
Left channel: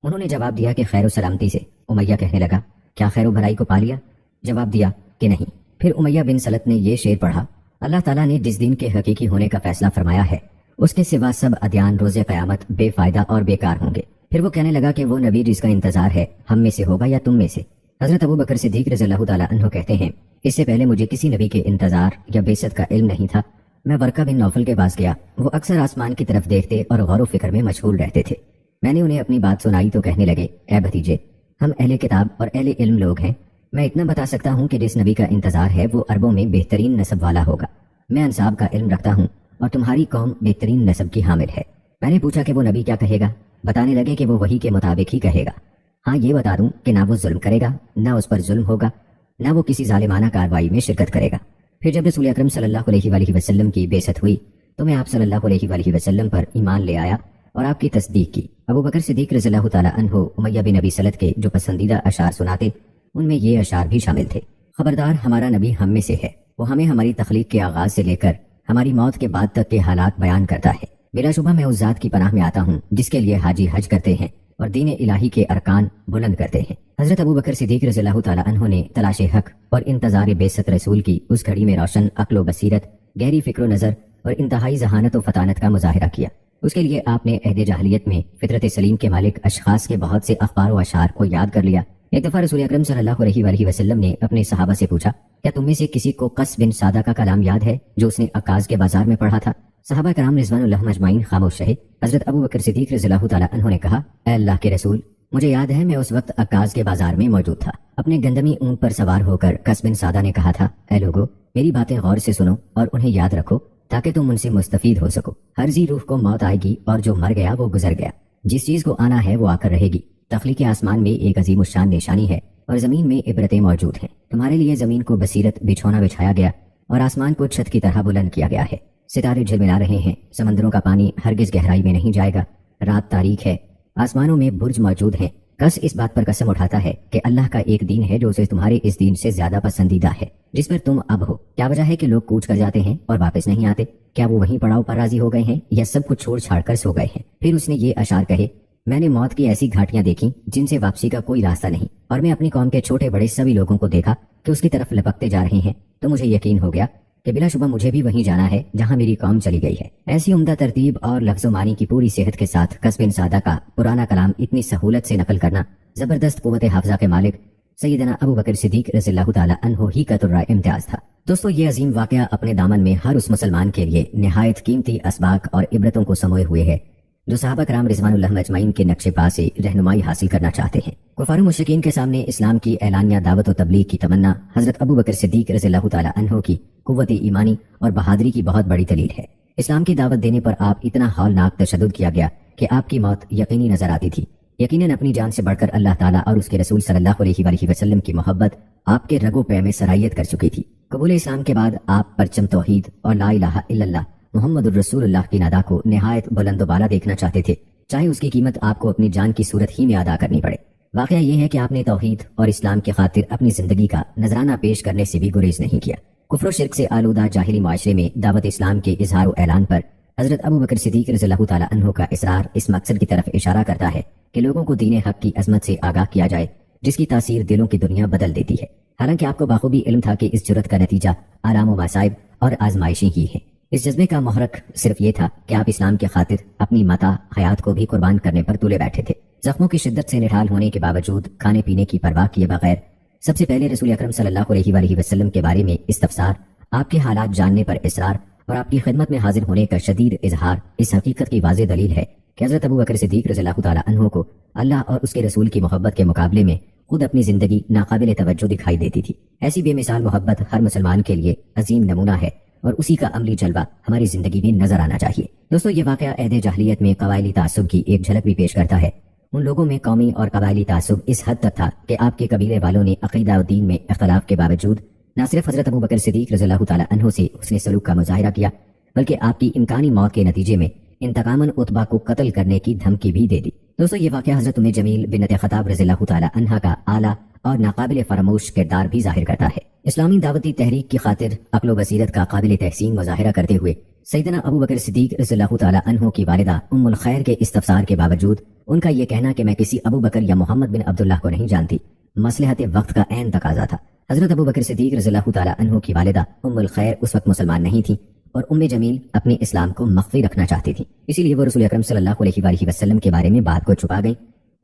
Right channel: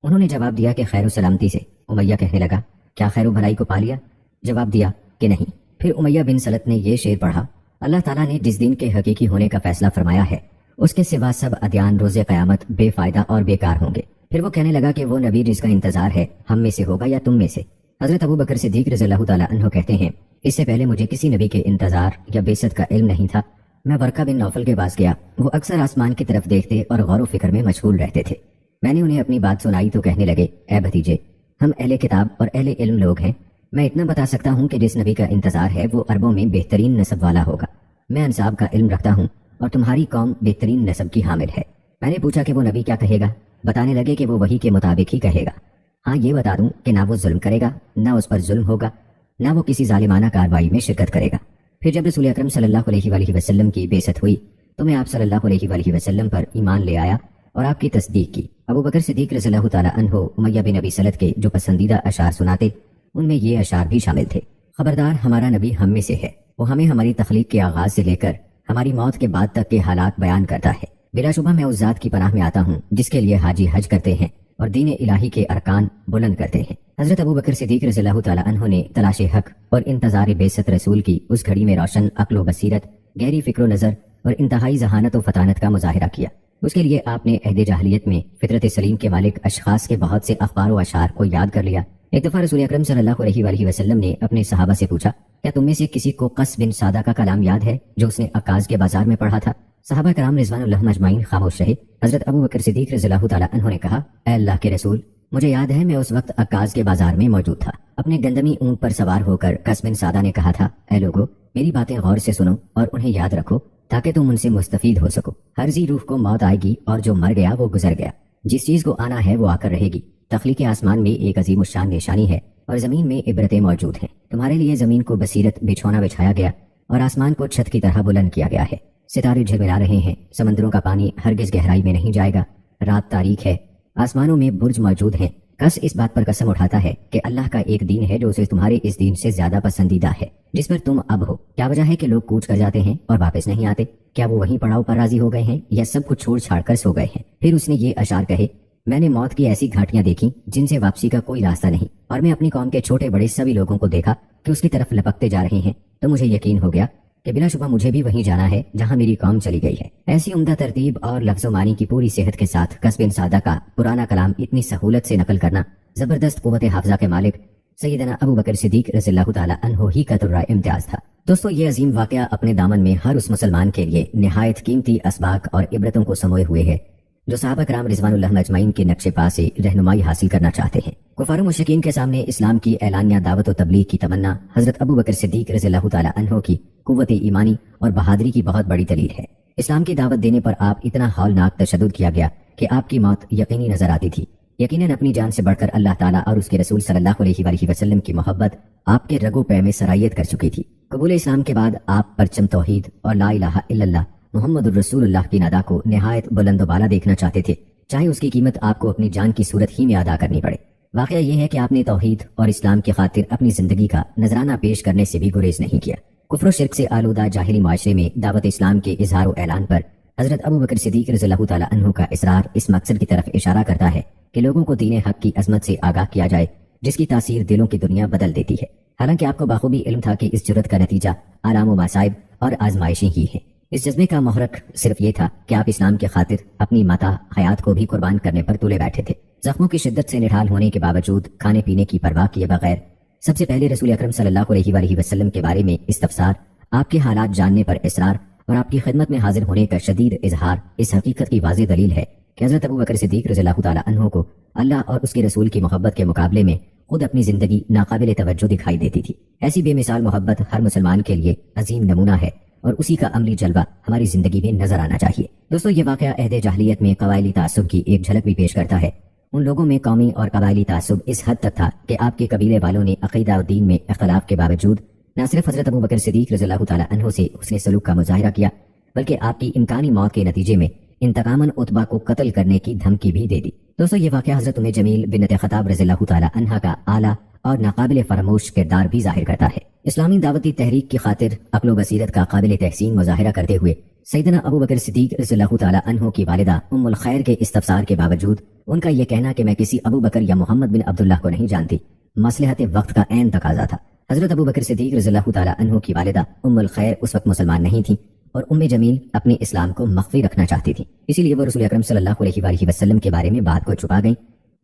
انہوں نے جواب دیا کہ خیر و سلامتی سے۔ امیہ کہنے لگا، کیا خیر و بھلائی کو پا لیا؟ جواب دیا کہ نہیں۔ پھر امیہ بن سلت نے یہ شعر پڑھا، اللہ تعالیٰ نے جس دین کے حقیقی ہونے کا فیصلہ فرمایا ہے اس کے سوا سب ادیان روز قیامت بے فائدہ اور بیکار ہوں گے۔ پھر وہ کہنے لگا کہ وہ نبی جس کا انتظار ہے ہم میں سے ہوگا یا تم میں سے؟ حضرت ابو بکر صدیق رضی اللہ تعالیٰ عنہ کہتے ہیں، اس سے پہلے مجھے کسی نبی کے انتظار یا بعثت کا علم نہیں تھا۔ میں ورقہ بن نوفل کے پاس گیا، وہ اکثر آسمان کی طرف دیکھتے اور غور و فکر میں مشغول رہتے تھے۔ میں نے انہیں اپنی بات سنائی تو کہنے لگے، اے بھتیجے، ہم اہل کتاب اور اہل علم لوگ ہیں، میں اتنا بتا سکتا ہوں کہ جس نبی کا انتظار ہے وہ عربوں میں بہترین نسب والا ہوگا۔ میں انساب کا علم رکھتا ہوں اور تمہاری قوم بہترین نسب کی حامل ہے۔ میں نے پوچھا کہ وہ نبی کیا کہے گا؟ بتانے لگے کہ وہ وحی کے مطابق ہی کہے گا۔ ہاں یہ بتا دوں کہ نہ وہ ظلم کرے گا، نہ اس پر ظلم ہوگا، نہ وہ کسی ظالمانہ کارروائی میں شرکت کرے گا۔ پھر جب رسول اکرم صلی اللہ علیہ وآلہ وسلم کی بعثت ہوئی تو میں آپ صلی اللہ علیہ وآلہ وسلم پر ایمان لے آیا اور آپ کی تصدیق کی۔ ابو بکر صدیق رضی اللہ تعالیٰ عنہ امیہ بن ابی سلت کے جو پسندیدہ اشعار سناتے ان میں یہ اشعار بھی شامل تھے، خبردار ہمارا نبی ہم میں سے ہے، وہ ہمیں ہماری تخلیق کے آغاز سے لے کر ہماری موت کے بعد تک کے حالات بیان کرتا ہے۔ بلا شبہ میں اس ذات کی پناہ میں آتا ہوں جس کے لیے حاجی حج کرتے ہیں اور دین الہی کے ارکان بلند کرتے ہیں۔ حضرت ابو بکر صدیق رضی اللہ تعالیٰ عنہ نے تلاش حق اور انتظار بعثت رسول کی اس گھڑی میں روشن عقل و بصیرت، گہری فکر و نظر اور انتہائی ذہانت و فطانت کا مظاہرہ کیا۔ اس کے لیے آپ نے عہد جاہلیت میں فطرت سلیم کے مالک اشخاص کے بہت سے اخبار و اشعار کو یاد کر لیا۔ ایک دفعہ رسول اکرم صلی اللہ علیہ وآلہ وسلم نے اپنے صحابہ سے پوچھا، کیا تم میں سے کسی کو قص بن سادہ کا کلام یاد ہے جو اس نے عکاظ کے بازار میں پڑھا تھا؟ صحابہ کرام رضوان اللہ اجمعین خاموش رہے۔ حضرت ابو بکر صدیق رضی اللہ تعالیٰ عنہ نے کہا، اے اللہ کے رسول، مجھے یاد ہے میں اس وقت عکاظ کے بازار میں موجود تھا۔ اپنے گندمی اونٹ پر سوار ہو کر قص بن سادہ نے کہا تھا، اے لوگو، میری باتیں غور سے سنو اور انہیں یاد رکھو تاکہ تم ان سے مستفید ہو سکو۔ ہر ذی روح کو موت آئے گی اور جو مر گیا وہ گزر گیا، جس چیز کو آنا ہے وہ آ کر رہے گی۔ تخلیق آسمان میں ایک عظیم الشان نشانی ہے اور زمین میں عبرتیں موجود ہیں۔ تمہارے لیے زمین کو بصیرت بچھونا بچھایا گیا اور آسمان کو چھت کی طرح بلند کیا گیا ہے۔ ستارے جھلملا رہے ہیں، سمندروں کا پانی ہرگز گہرائی میں نہیں جائے گا، رات تاریک ہے، آسمانوں میں برج موجود ہے۔ قص اس بات پر قسم اٹھاتا ہے کہ اللہ کا ایک دین ہے جو اسے تمہارے اس دین سے زیادہ پسندیدہ ہے جس پر تم اب ہو۔ کیا وجہ ہے کہ لوگ کوچ کر جاتے ہیں اور واپس نہیں آتے؟ کیا وہ وہیں پڑاؤ پر راضی ہو گئے ہیں یا سب کچھ چھوڑ چھاڑ کر سو گئے ہیں؟ پھر اس نے یہ اشعار کہے، میں نے موت کی ایسی گھاٹیاں دیکھی جن سے واپسی کا کوئی راستہ نہیں، اور میں اپنی قوم کے چھوٹے بڑے سبھی لوگوں کو دیکھا کہ اس کی طرف لپکتے جا رہے ہیں، تو مجھے یقین ہو گیا کہ بلا شبہ مجھے بھی وہیں جانا ہے جہاں میری قوم چلی گئی ہے۔ ایسی عمدہ ترتیب اور لفظ و معنی کی پوری صحت کے ساتھ قص بن سادہ کا پرانا کلام اتنی سہولت سے نقل کرنا زبردست قوت حافظہ کے مالک سیدنا ابو بکر صدیق رضی اللہ تعالیٰ عنہ ہی کا ترہ امتیاز تھا۔ دوستو، یہ عظیم واقعہ اپنے دامن میں ہر اس مسلمان کے لیے نہایت قیمتی اسباق اور عبرتوں کو سموئے ہوئے ہے جو صحابہ کرام رضوان اللہ اجمعین کے نقش پا سے رہنمائی حاصل کرنا چاہتے ہیں۔ کفار و مشرکین کے سامنے اسلام کی اعلانیہ دعوت و تبلیغ کی تمنا حضرت ابو بکر صدیق رضی اللہ تعالی عنہ کی قوت ایمانی اور بہادری کی بہت بڑی دلیل ہے۔ اسلام کی دعوت دینے پر آپ اتنا ہولناک تشدد کیا گیا کہ آپ کی موت یقینی نظر آتی تھی۔ یقیناً اپنی جان سے بڑھ کر اللہ تعالیٰ اور اس کے رسول صلی اللہ علیہ وآلہ وسلم کی محبت آپ کے رگو پے میں سرایت کر چکی تھی۔ قبول اسلام کے بعد آپ پرچم توحید اور لا الہ الا اللہ محمد الرسول اللہ کی ندا کو نہایت بلند و بالا دیکھنا چاہتے تھے، چاہے اس کی قیمت آپ کو اپنی جان کی صورت ہی میں ادا کرنی پڑے۔ واقعہ یہ ہے کہ آپ نے توحید اور اسلام کی خاطر اپنی زندگی کا نذرانہ پیش کرنے سے بھی گریز نہیں کیا۔ کفر و شرک سے آلودہ جاہلی معاشرے میں دعوت اسلام کے اظہار و اعلان پر حضرت ابو بکر صدیق رضی اللہ تعالی عنہ کا اصرار اس مقصد کی طرف اشارہ کرتا ہے کہ لوگوں کو دین حق کی عظمت سے آگاہ کیا جائے، جس کی تاثیر دلوں کی دنیا بدل دیتی ہے۔ حالانکہ آپ کو بخوبی علم تھا کہ اس جرت کا نتیجہ آلام و مصائب اور آزمائشیں ہی ہیں۔ اس جذبے کا محرک صرف یہ تھا کہ آپ اسلام کی خاطر اپنی متاع حیات کو بھی قربان کرنے پر تلے بیٹھے تھے۔ زخموں کی شدت سے نڈھال ہونے کے باوجود کھانے پینے کی پرواہ کیے بغیر سب سے پہلے رسول اکرم صلی اللہ علیہ وآلہ وسلم کے بارے میں استفسار، آپ کے حالات جاننے پر اصرار اور آپ کی خدمت میں حاضر ہونے کا شدید اظہار اس حقیقت کی واضح دلیل ہے کہ حضرت ابو بکر صدیق رضی اللہ تعالی عنہ کو اللہ اور اس کے رسول کی محبت کے مقابلے میں خود اپنی زندگی ناقابل توجہ دکھائی دیتی تھی۔ ایسی بے مثال محبت ہر مسلمان کے لیے عظیم نمونہ ہے اور اسی کا عملی جلوہ ہماری زندگی میں نظر آنا چاہیے۔ دوستو، یہ واقعہ عہد جاہلیت میں قبائلی تعصب کی ایک جھلک بھی پیش کرتا ہے۔ ان لوگوں میں قومی اور قبائلی تعصب اس حد تک تھا کہ آپ کے قبیلے والوں نے عقیدہ و دین میں اختلاف کے باوجود نہ صرف حضرت ابو بکر صدیق رضی اللہ تعالی عنہ سے حسن سلوک کا مظاہرہ کیا، بلکہ آپ کی امکانی موت کے نتیجے میں انتقاماً عتبہ کو قتل کرنے کی دھمکی بھی دے دی۔ دوستو، یہ واقعہ حضرت ام جمیل بنت خطاب رضی اللہ تعالی عنہا کا اعلیٰ اور ناقابل فراموش کردار بھی ظاہر کرتا ہے۔ اسلامی دعوتی تحریک کی خاطر عقل و بصیرت کا قابل تحسین مظاہرہ کرتے ہوئے سیدنا ابو بکر صدیق رضی اللہ تعالی عنہ کی والدہ ام الخیر کے استفسار کے باوجود ان کا یہ کہنا کہ میں کسی ابو بکر یا محمد بن عبداللہ کو نہیں جانتی، مصلحت وقت کا عین تقاضا تھا۔ حضرت ابو بکر صدیق رضی اللہ تعالی عنہ کی والدہ ام الخیر اس وقت مسلمان نہیں تھی اور ام جمیل اپنے اسلام کو مخفی رکھنا چاہتی تھی، اسی لیے وہ رسول اکرم صلی اللہ علیہ وآلہ وسلم کے بارے میں بات کو چھپا گئی۔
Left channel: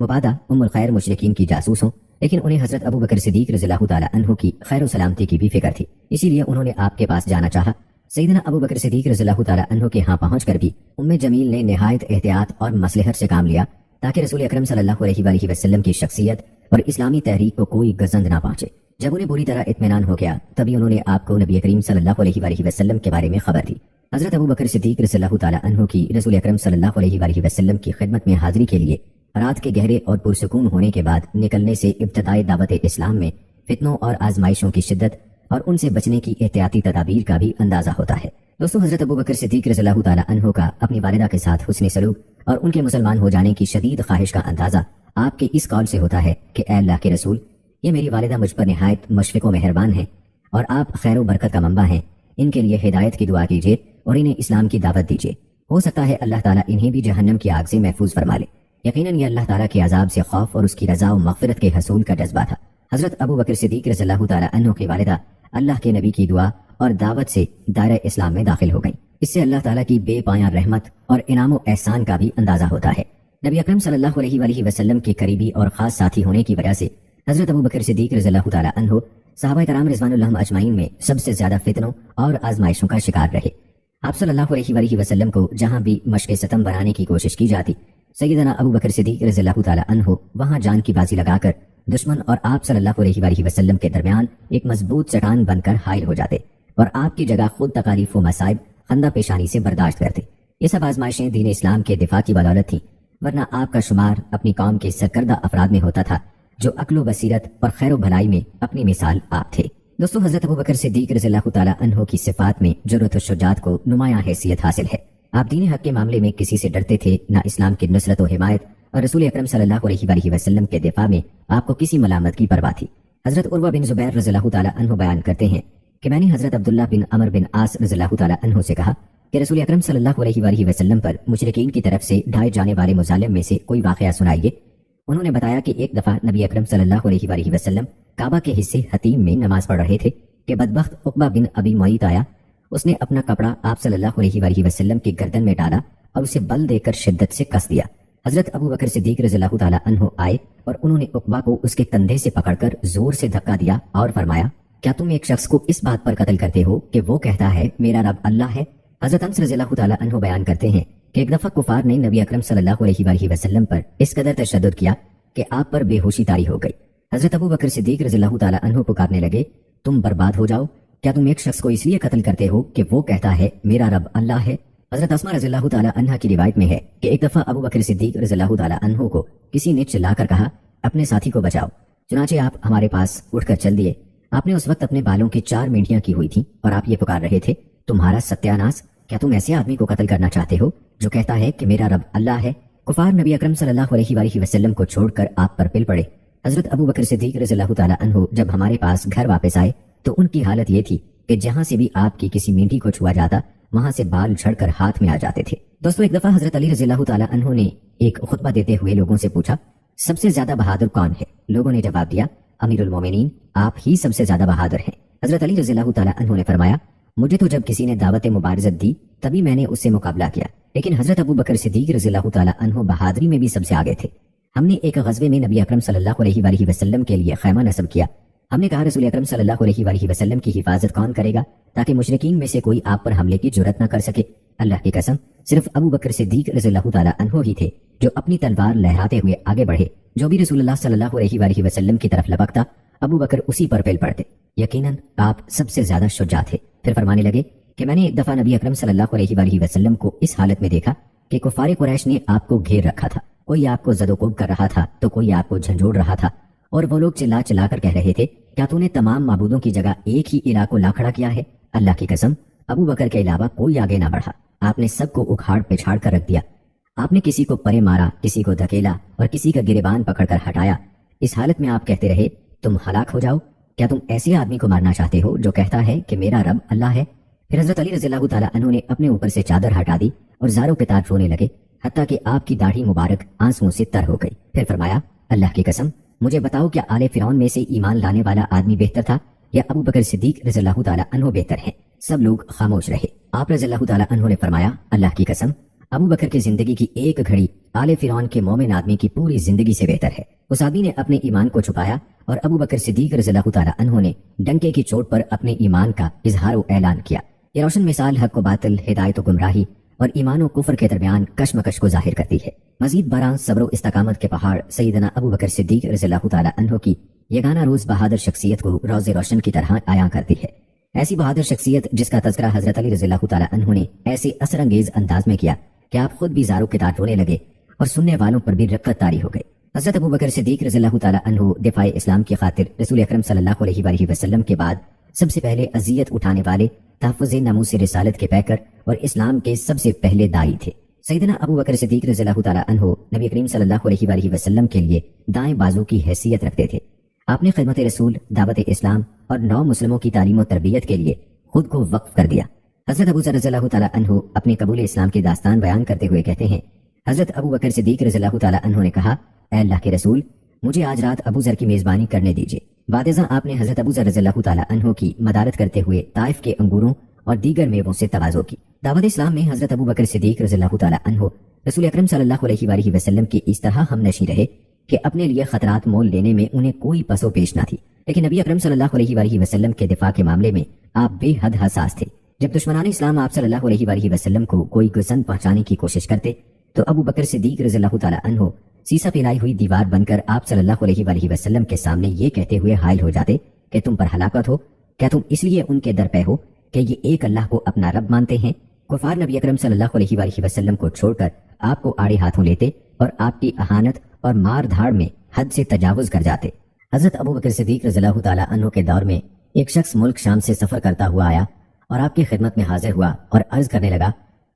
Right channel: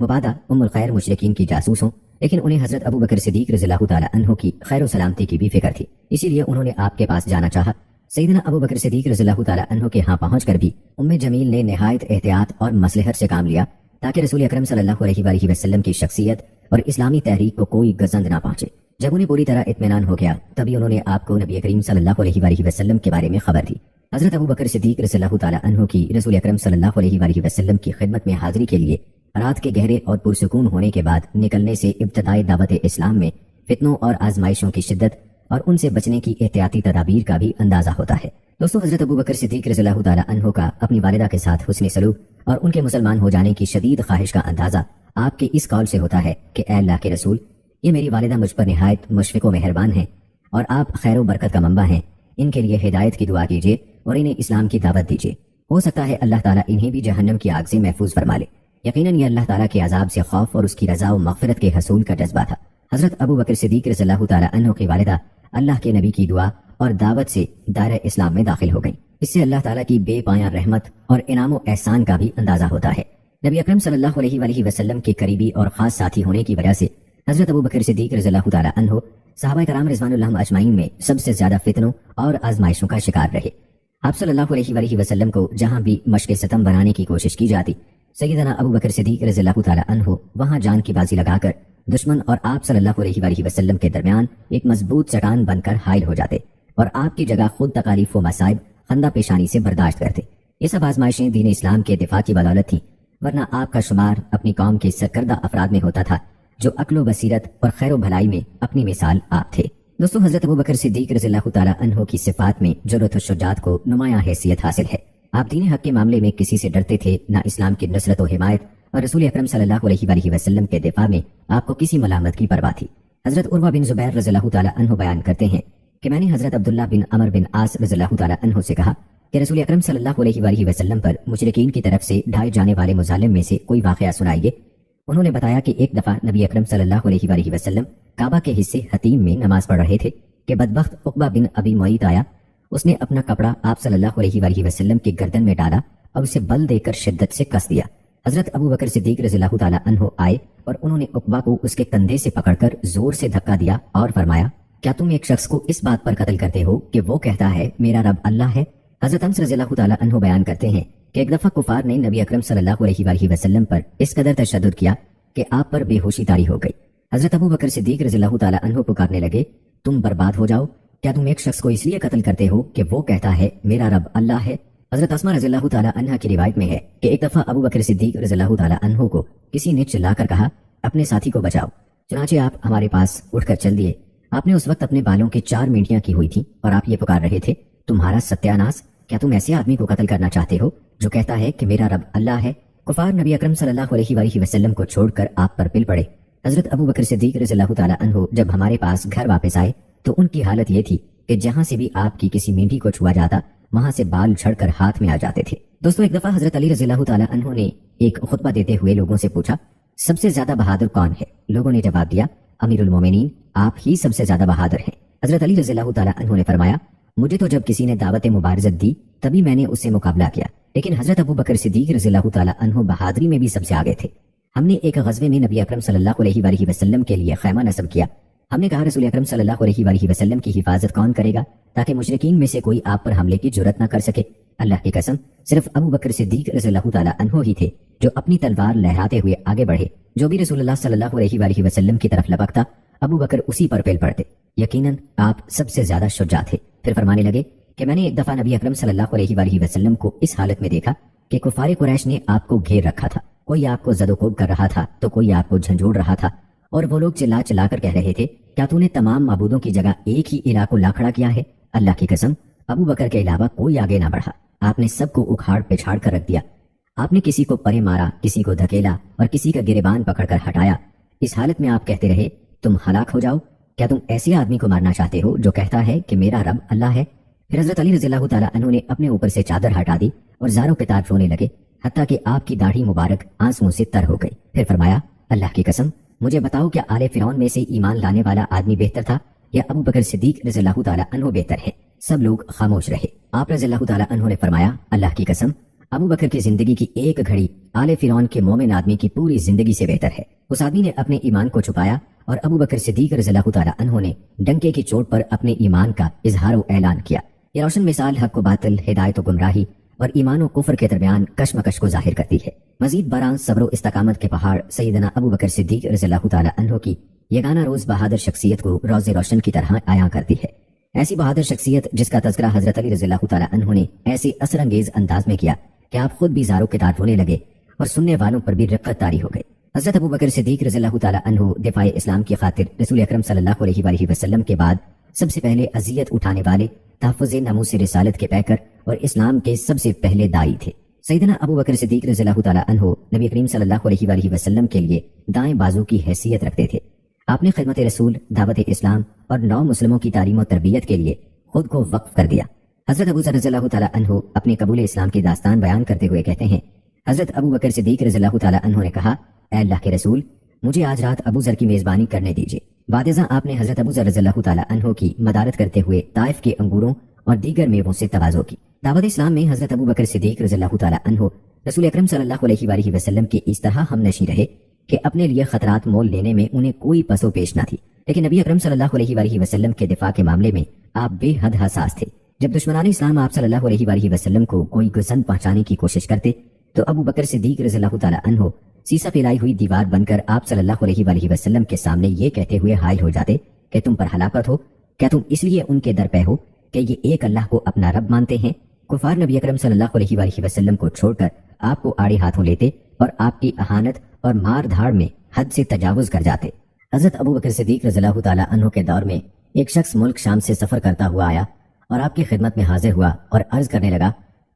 مبادہ ام الخیر مشرکین کی جاسوس ہوں، لیکن انہیں حضرت ابو بکر صدیق رضی اللہ تعالی عنہ کی خیر و سلامتی کی بھی فکر تھی، اسی لیے انہوں نے آپ کے پاس جانا چاہا۔ سیدنا ابو بکر صدیق رضی اللہ تعالی عنہ کے ہاں پہنچ کر بھی ام جمیل نے نہایت احتیاط اور مصلحت سے کام لیا تاکہ رسول اکرم صلی اللہ علیہ وآلہ وسلم کی شخصیت اور اسلامی تحریک کو کوئی گزند نہ پہنچے۔ جب انہیں پوری طرح اطمینان ہو گیا تبھی انہوں نے آپ کو نبی کریم صلی اللہ علیہ وآلہ وسلم کے بارے میں خبر دی۔ حضرت ابو بکر صدیق رضی اللہ تعالی عنہ کی رسول اکرم صلی اللہ علیہ وآلہ وسلم کی خدمت میں حاضری کے لیے رات کے گہرے اور پرسکون ہونے کے بعد نکلنے سے ابتدائی دعوت اسلام میں فتنوں اور آزمائشوں کی شدت اور ان سے بچنے کی احتیاطی تدابیر کا بھی اندازہ ہوتا ہے۔ دوستو، حضرت ابو بکر صدیق رضی اللہ تعالی عنہ کا اپنی والدہ کے ساتھ حسن سلوک اور ان کے مسلمان ہو جانے کی شدید خواہش کا اندازہ آپ کے اس قول سے ہوتا ہے کہ اے اللہ کے رسول، یہ میری والدہ مجھ پر نہایت مشفق و مہربان ہیں اور آپ خیر و برکت کا منبع ہیں، ان کے لیے ہدایت کی دعا کیجیے اور انہیں اسلام کی دعوت دیجیے، ہو سکتا ہے اللہ تعالیٰ انہیں بھی جہنم کی آگ سے محفوظ فرما لے۔ یقیناً یہ اللہ تعالیٰ کے عذاب سے خوف اور اس کی رضا و مغفرت کے حصول کا جذبہ تھا۔ حضرت ابو بکر صدیق رضی اللہ تعالی عنہ کی والدہ اللہ کے نبی کی دعا اور دعوت سے دائرہ اسلام میں داخل ہو گئیں۔ اس سے اللہ تعالیٰ کی بے پایاں رحمت اور انعام و احسان کا بھی اندازہ ہوتا ہے۔ نبی اکرم صلی اللہ علیہ وآلہ وسلم کے قریبی اور خاص ساتھی ہونے کی وجہ سے حضرت ابو بکر صدیق رضی اللہ تعالی عنہ صحابہ کرام رضوان اللہ اجمعین میں سب سے زیادہ فتنوں اور آزمائشوں کا شکار رہے۔ آپ صلی اللہ علیہ وآلہ وسلم کو جہاں بھی مشق ستم بنانے کی کوشش کی جاتی، سیدنا ابو بکر صدیق رضی اللہ تعالی عنہ وہاں جان کی بازی لگا کر دشمن اور آپ صلی اللہ علیہ وآلہ وسلم کے درمیان ایک مضبوط چٹان بن کر حائل ہو جاتے اور آپ کی جگہ خود تکالیف و مصائب خندہ پیشانی سے برداشت کرتے۔ یہ سب آزمائشیں دین اسلام کے دفاع کی بدولت تھیں، ورنہ آپ کا شمار اپنی قوم کے سرکردہ افراد میں ہوتا تھا جو عقل و بصیرت اور خیر و بھلائی میں اپنی مثال آپ تھے۔ دوستو، حضرت ابو بکر صدیق رضی اللہ تعالی عنہ کی صفات میں جرأت و شجاعت کو نمایاں حیثیت حاصل ہے۔ آپ دین حق کے معاملے میں کسی سے ڈرتے تھے نہ اسلام کی نصرت و حمایت اور رسول اکرم صلی اللہ علیہ وآلہ وسلم کے دفاع میں آپ کو کسی ملامت کی پرواہ تھی۔ حضرت عروہ بن زبیر رضی اللہ تعالی عنہ بیان کرتے ہیں کہ میں نے حضرت عبداللہ بن عمر بن عاص رضی اللہ تعالی عنہ سے کہا کہ رسول اکرم صلی اللہ علیہ وآلہ وسلم پر مشرکین کی طرف سے ڈھائے جانے والے مظالم میں سے کوئی واقعہ سنائیے۔ انہوں نے بتایا کہ ایک دفعہ نبی اکرم صلی اللہ علیہ وآلہ وسلم کعبہ کے حصے حتیم میں نماز پڑھ رہے تھے کہ بدبخت عقبہ بن ابی معیط آیا۔ اس نے اپنا کپڑا آپ صلی اللہ علیہ وآلہ وسلم کے گردن میں ڈالا اور اسے بل دے کر شدت سے کس دیا۔ حضرت ابو بکر صدیق رضی اللہ تعالی عنہ آئے اور انہوں نے عقبہ کو اس کے کندھے سے پکڑ کر زور سے دھکا دیا اور فرمایا، کیا تم ایک شخص کو اس بات پر قتل کرتے ہو کہ وہ کہتا ہے میرا رب اللہ ہے؟ حضرت انس رضی اللہ تعالی عنہ بیان کرتے ہیں کہ ایک دفعہ کفار نے نبی اکرم صلی اللہ علیہ وآلہ وسلم پر اس قدر تشدد کیا کہ آپ پر بے ہوشی طاری ہو گئی۔ حضرت ابو بکر صدیق رضی اللہ تعالیٰ عنہ پکارنے لگے، تم برباد ہو جاؤ، کیا تم ایک شخص کو اس لیے قتل کرتے ہو کہ وہ کہتا ہے میرا رب اللہ ہے؟ حضرت اسماء رضی اللہ تعالیٰ عنہ کی روایت میں ہے کہ ایک دفعہ ابو بکر صدیق رضی اللہ تعالیٰ عنہ کو کسی نے چلا کر کہا اپنے ساتھی کو بچاؤ، چنانچہ آپ ہمارے پاس اٹھ کر چل دیے۔ آپ نے اس وقت اپنے بالوں کی 4 مینڈیاں کی ہوئی تھیں اور آپ یہ پکار رہے تھے، تمہارا ستیاناس، کیا تم ایسے آدمی کو قتل کرنا چاہتے ہو جو کہتا ہے کہ میرا رب اللہ ہے؟ کفار نبی اکرم صلی اللہ علیہ وآلہ وسلم کو چھوڑ کر آپ پر پل پڑے۔ حضرت ابو بکر صدیق رضی اللہ تعالیٰ عنہ جب ہمارے پاس گھر واپس آئے تو ان کی حالت یہ تھی کہ جہاں سے بھی آپ کی کسی مینڈی کو چھوا جاتا وہاں سے بال جھڑ کر ہاتھ میں آ جاتے تھے۔ دوستو، ایک دفعہ حضرت علی رضی اللہ تعالیٰ عنہ نے ایک خطبہ دیتے ہوئے لوگوں سے پوچھا، سب سے زیادہ بہادر کون ہے؟ لوگوں نے جواب دیا، امیر المومنین، آپ ہی سب سے زیادہ بہادر ہیں۔ حضرت علی رضی اللہ تعالیٰ عنہ نے فرمایا، مجھے تو جب کسی نے دعوت مبارزت دی تبھی میں نے اس سے مقابلہ کیا، لیکن حضرت ابو بکر صدیق رضی اللہ تعالیٰ عنہ بہادری میں بھی سب سے آگے تھے۔ ہم نے ایک غزوے میں نبی اکرم صلی اللہ علیہ وآلہ وسلم کے لیے خیمہ نصب کیا۔ ہم نے کہا رسول اکرم صلی اللہ علیہ وآلہ وسلم کی حفاظت کون کرے گا تاکہ مشرکین میں سے کوئی آپ پر حملے کی جرأت نہ کر سکے؟ اللہ کی قسم، صرف ابو بکر صدیق رضی اللہ تعالیٰ عنہ ہی تھے جو اپنی تلوار لہراتے ہوئے آگے بڑھے۔ جو بھی رسول اللہ صلی اللہ علیہ وآلہ وسلم کی طرف لپکتا ابو بکر اسی پر پیل پڑتے۔ یقیناً آپ سب سے زیادہ شجاع تھے۔ پھر فرمانے لگے کہ میں نے ایک دفعہ نبی اکرم صلی اللہ علیہ وآلہ وسلم کو اس حالت میں دیکھا کہ کفار قریش نے آپ کو گھیر رکھا تھا، کوئی آپ کو زد و کوب کر رہا تھا تو کوئی آپ کو جھنجھوڑ رہا تھا، اور وہ لوگ چلا چلا کر کہہ رہے تھے، کیا تو نے تمام معبودوں کی جگہ ایک ہی الہ کو لا کھڑا کیا ہے؟ اللہ کی قسم، ابو بکر کے علاوہ کوئی آگے نہ بڑھا، آپ نے سب کو اکھاڑ پچھاڑ کر رکھ دیا۔ آپ نے کسی کو پرے مارا، کسی کو دھکیلا اور کسی کا گریبان پکڑ کر ہٹایا۔ اس حالت میں آپ کہتے رہے، تم ہلاک ہو جاؤ، کیا تم ایسے آدمی کو مارنا چاہتے ہو جو کہتا ہے کہ میرا رب اللہ ہے؟ پھر حضرت علی رضی اللہ تعالیٰ عنہ نے اپنے اوپر سے چادر ہٹا دی اور زاروں پہ تار رونے لگے، حتیٰ کہ آپ کی داڑھی مبارک آنسوؤں سے تر ہو گئی۔ پھر فرمایا، اللہ کی قسم، مجھے بتاؤ کیا آل فرعون میں سے ایمان لانے والا آدمی بہتر تھا یا ابو بکر صدیق رضی اللہ تعالیٰ عنہ بہتر ہے؟ سب لوگ خاموش رہے۔ آپ رضی اللہ تعالیٰ عنہ نے فرمایا، اللہ کی قسم، ابو بکر کی زندگی کی ایک گھڑی آل فرعون کے مومن آدمی کی پوری زندگی سے بہتر ہے۔ اس آدمی نے اپنے ایمان کو چھپایا اور ابو بکر صدیق رضی اللہ تعالیٰ عنہ نے ڈنکے کی چوٹ پر اپنے ایمان کا اظہار و اعلان کیا۔ یہ روشن مثال حق و باطل، ہدایت و گمراہی اور ایمان و کفر کے درمیان کشمکش کو ظاہر کرتی ہے۔ مزید برآں صبر و استقامت کے پہاڑ سیدنا ابو بکر صدیق رضی اللہ تعالیٰ عنہ کی یگانہ روز بہادر شخصیت کو روز روشن کی طرح عیاں کرتی ہے۔ ایسی بہادر شخصیت جس کا تذکرہ حضرت علی رضی اللہ تعالیٰ عنہ نے ایسے اثر انگیز انداز میں کیا کہ آپ خود بھی زاروں کے دار رونے لگے اور سننے والوں پر بھی رقت طاری ہو گئے۔ حضرت ابو بکر صدیق رضی اللہ تعالیٰ عنہ دفاع اسلام کی خاطر رسول اکرم صلی اللہ علیہ وآلہ وسلم کے بعد سب سے پہلے اذیت اٹھانے والے، تحفظ ناموس رسالت کے پیکر اور اسلام کے سب سے پہلے داعی تھے۔ سیدنا ابو بکر صدیق رضی اللہ تعالیٰ عنہ نبی کریم صلی اللہ علیہ وآلہ وسلم کے لیے دائیں بازو کی حیثیت رکھتے تھے۔ آپ نے خدمت رسول، دعوت اسلام اور نو مسلموں کی تعلیم و تربیت کے لیے خود کو وقف کر دیا۔ حضرت ابو ذر رضی اللہ تعالیٰ عنہ اپنے قبول اسلام کی داستان بیان کرتے ہوئے کہتے ہیں، حضرت ابو بکر صدیق رضی اللہ تعالیٰ عنہ نے کہا، اے اللہ کے رسول، مجھے آج رات ابو ذر کی میزبانی کرنے دیجیے۔ بعد ازاں آپ نے حضرت ابو ذر رضی اللہ تعالیٰ عنہ کی مدارت کرتے ہوئے طائف کے انگوروں اور دیگر میووں سے تواضع کی۔ دعوت اسلام میں حضرت ابو بکر صدیق رضی اللہ تعالیٰ عنہ رسول اکرم صلی اللہ علیہ وآلہ وسلم کی اس طرح ہم نشیں رہے کہ اپنے لیے خطرات مول لینے میں انہیں کوئی پس و پیش نہ تھی، لیکن نبی اکرم صلی اللہ علیہ وآلہ وسلم کے دفاع کے معاملے میں آپ بے حد حساس تھے۔ جب دشمنان اسلام آپ صلی اللہ علیہ وآلہ وسلم کو کوئی گزن پہنچانے کی کوشش کرتے تو ابو بکر صدیق رضی اللہ تعالیٰ عنہ سیسا پھرائی ہوئی دیوار بن کر آپ صلی اللہ علیہ وآلہ وسلم کے سامنے یہ کہتے ہوئے حائل ہو جاتے کہ تم پر ہلاکت ہو، کیا تم اس لیے ان کے در پہ ہو کہ یہ ایک اللہ کو اپنا رب مانتے ہیں؟ کفار نبی اکرم صلی اللہ علیہ وآلہ وسلم کو چھوڑ کر آپ کو آڑے ہاتھوں لیتے اور آپ کی اہانت اور مار دھاڑ میں حد سے تجاوز کر جاتے۔ حضرت ابو بکر صدیق رضی اللہ تعالیٰ عنہ کے دور میں ایک شخص ملک شام سے سفر کرتا ہوا آیا اور آپ کی خدمت میں حاضر ہوا اور عرض کرنے لگا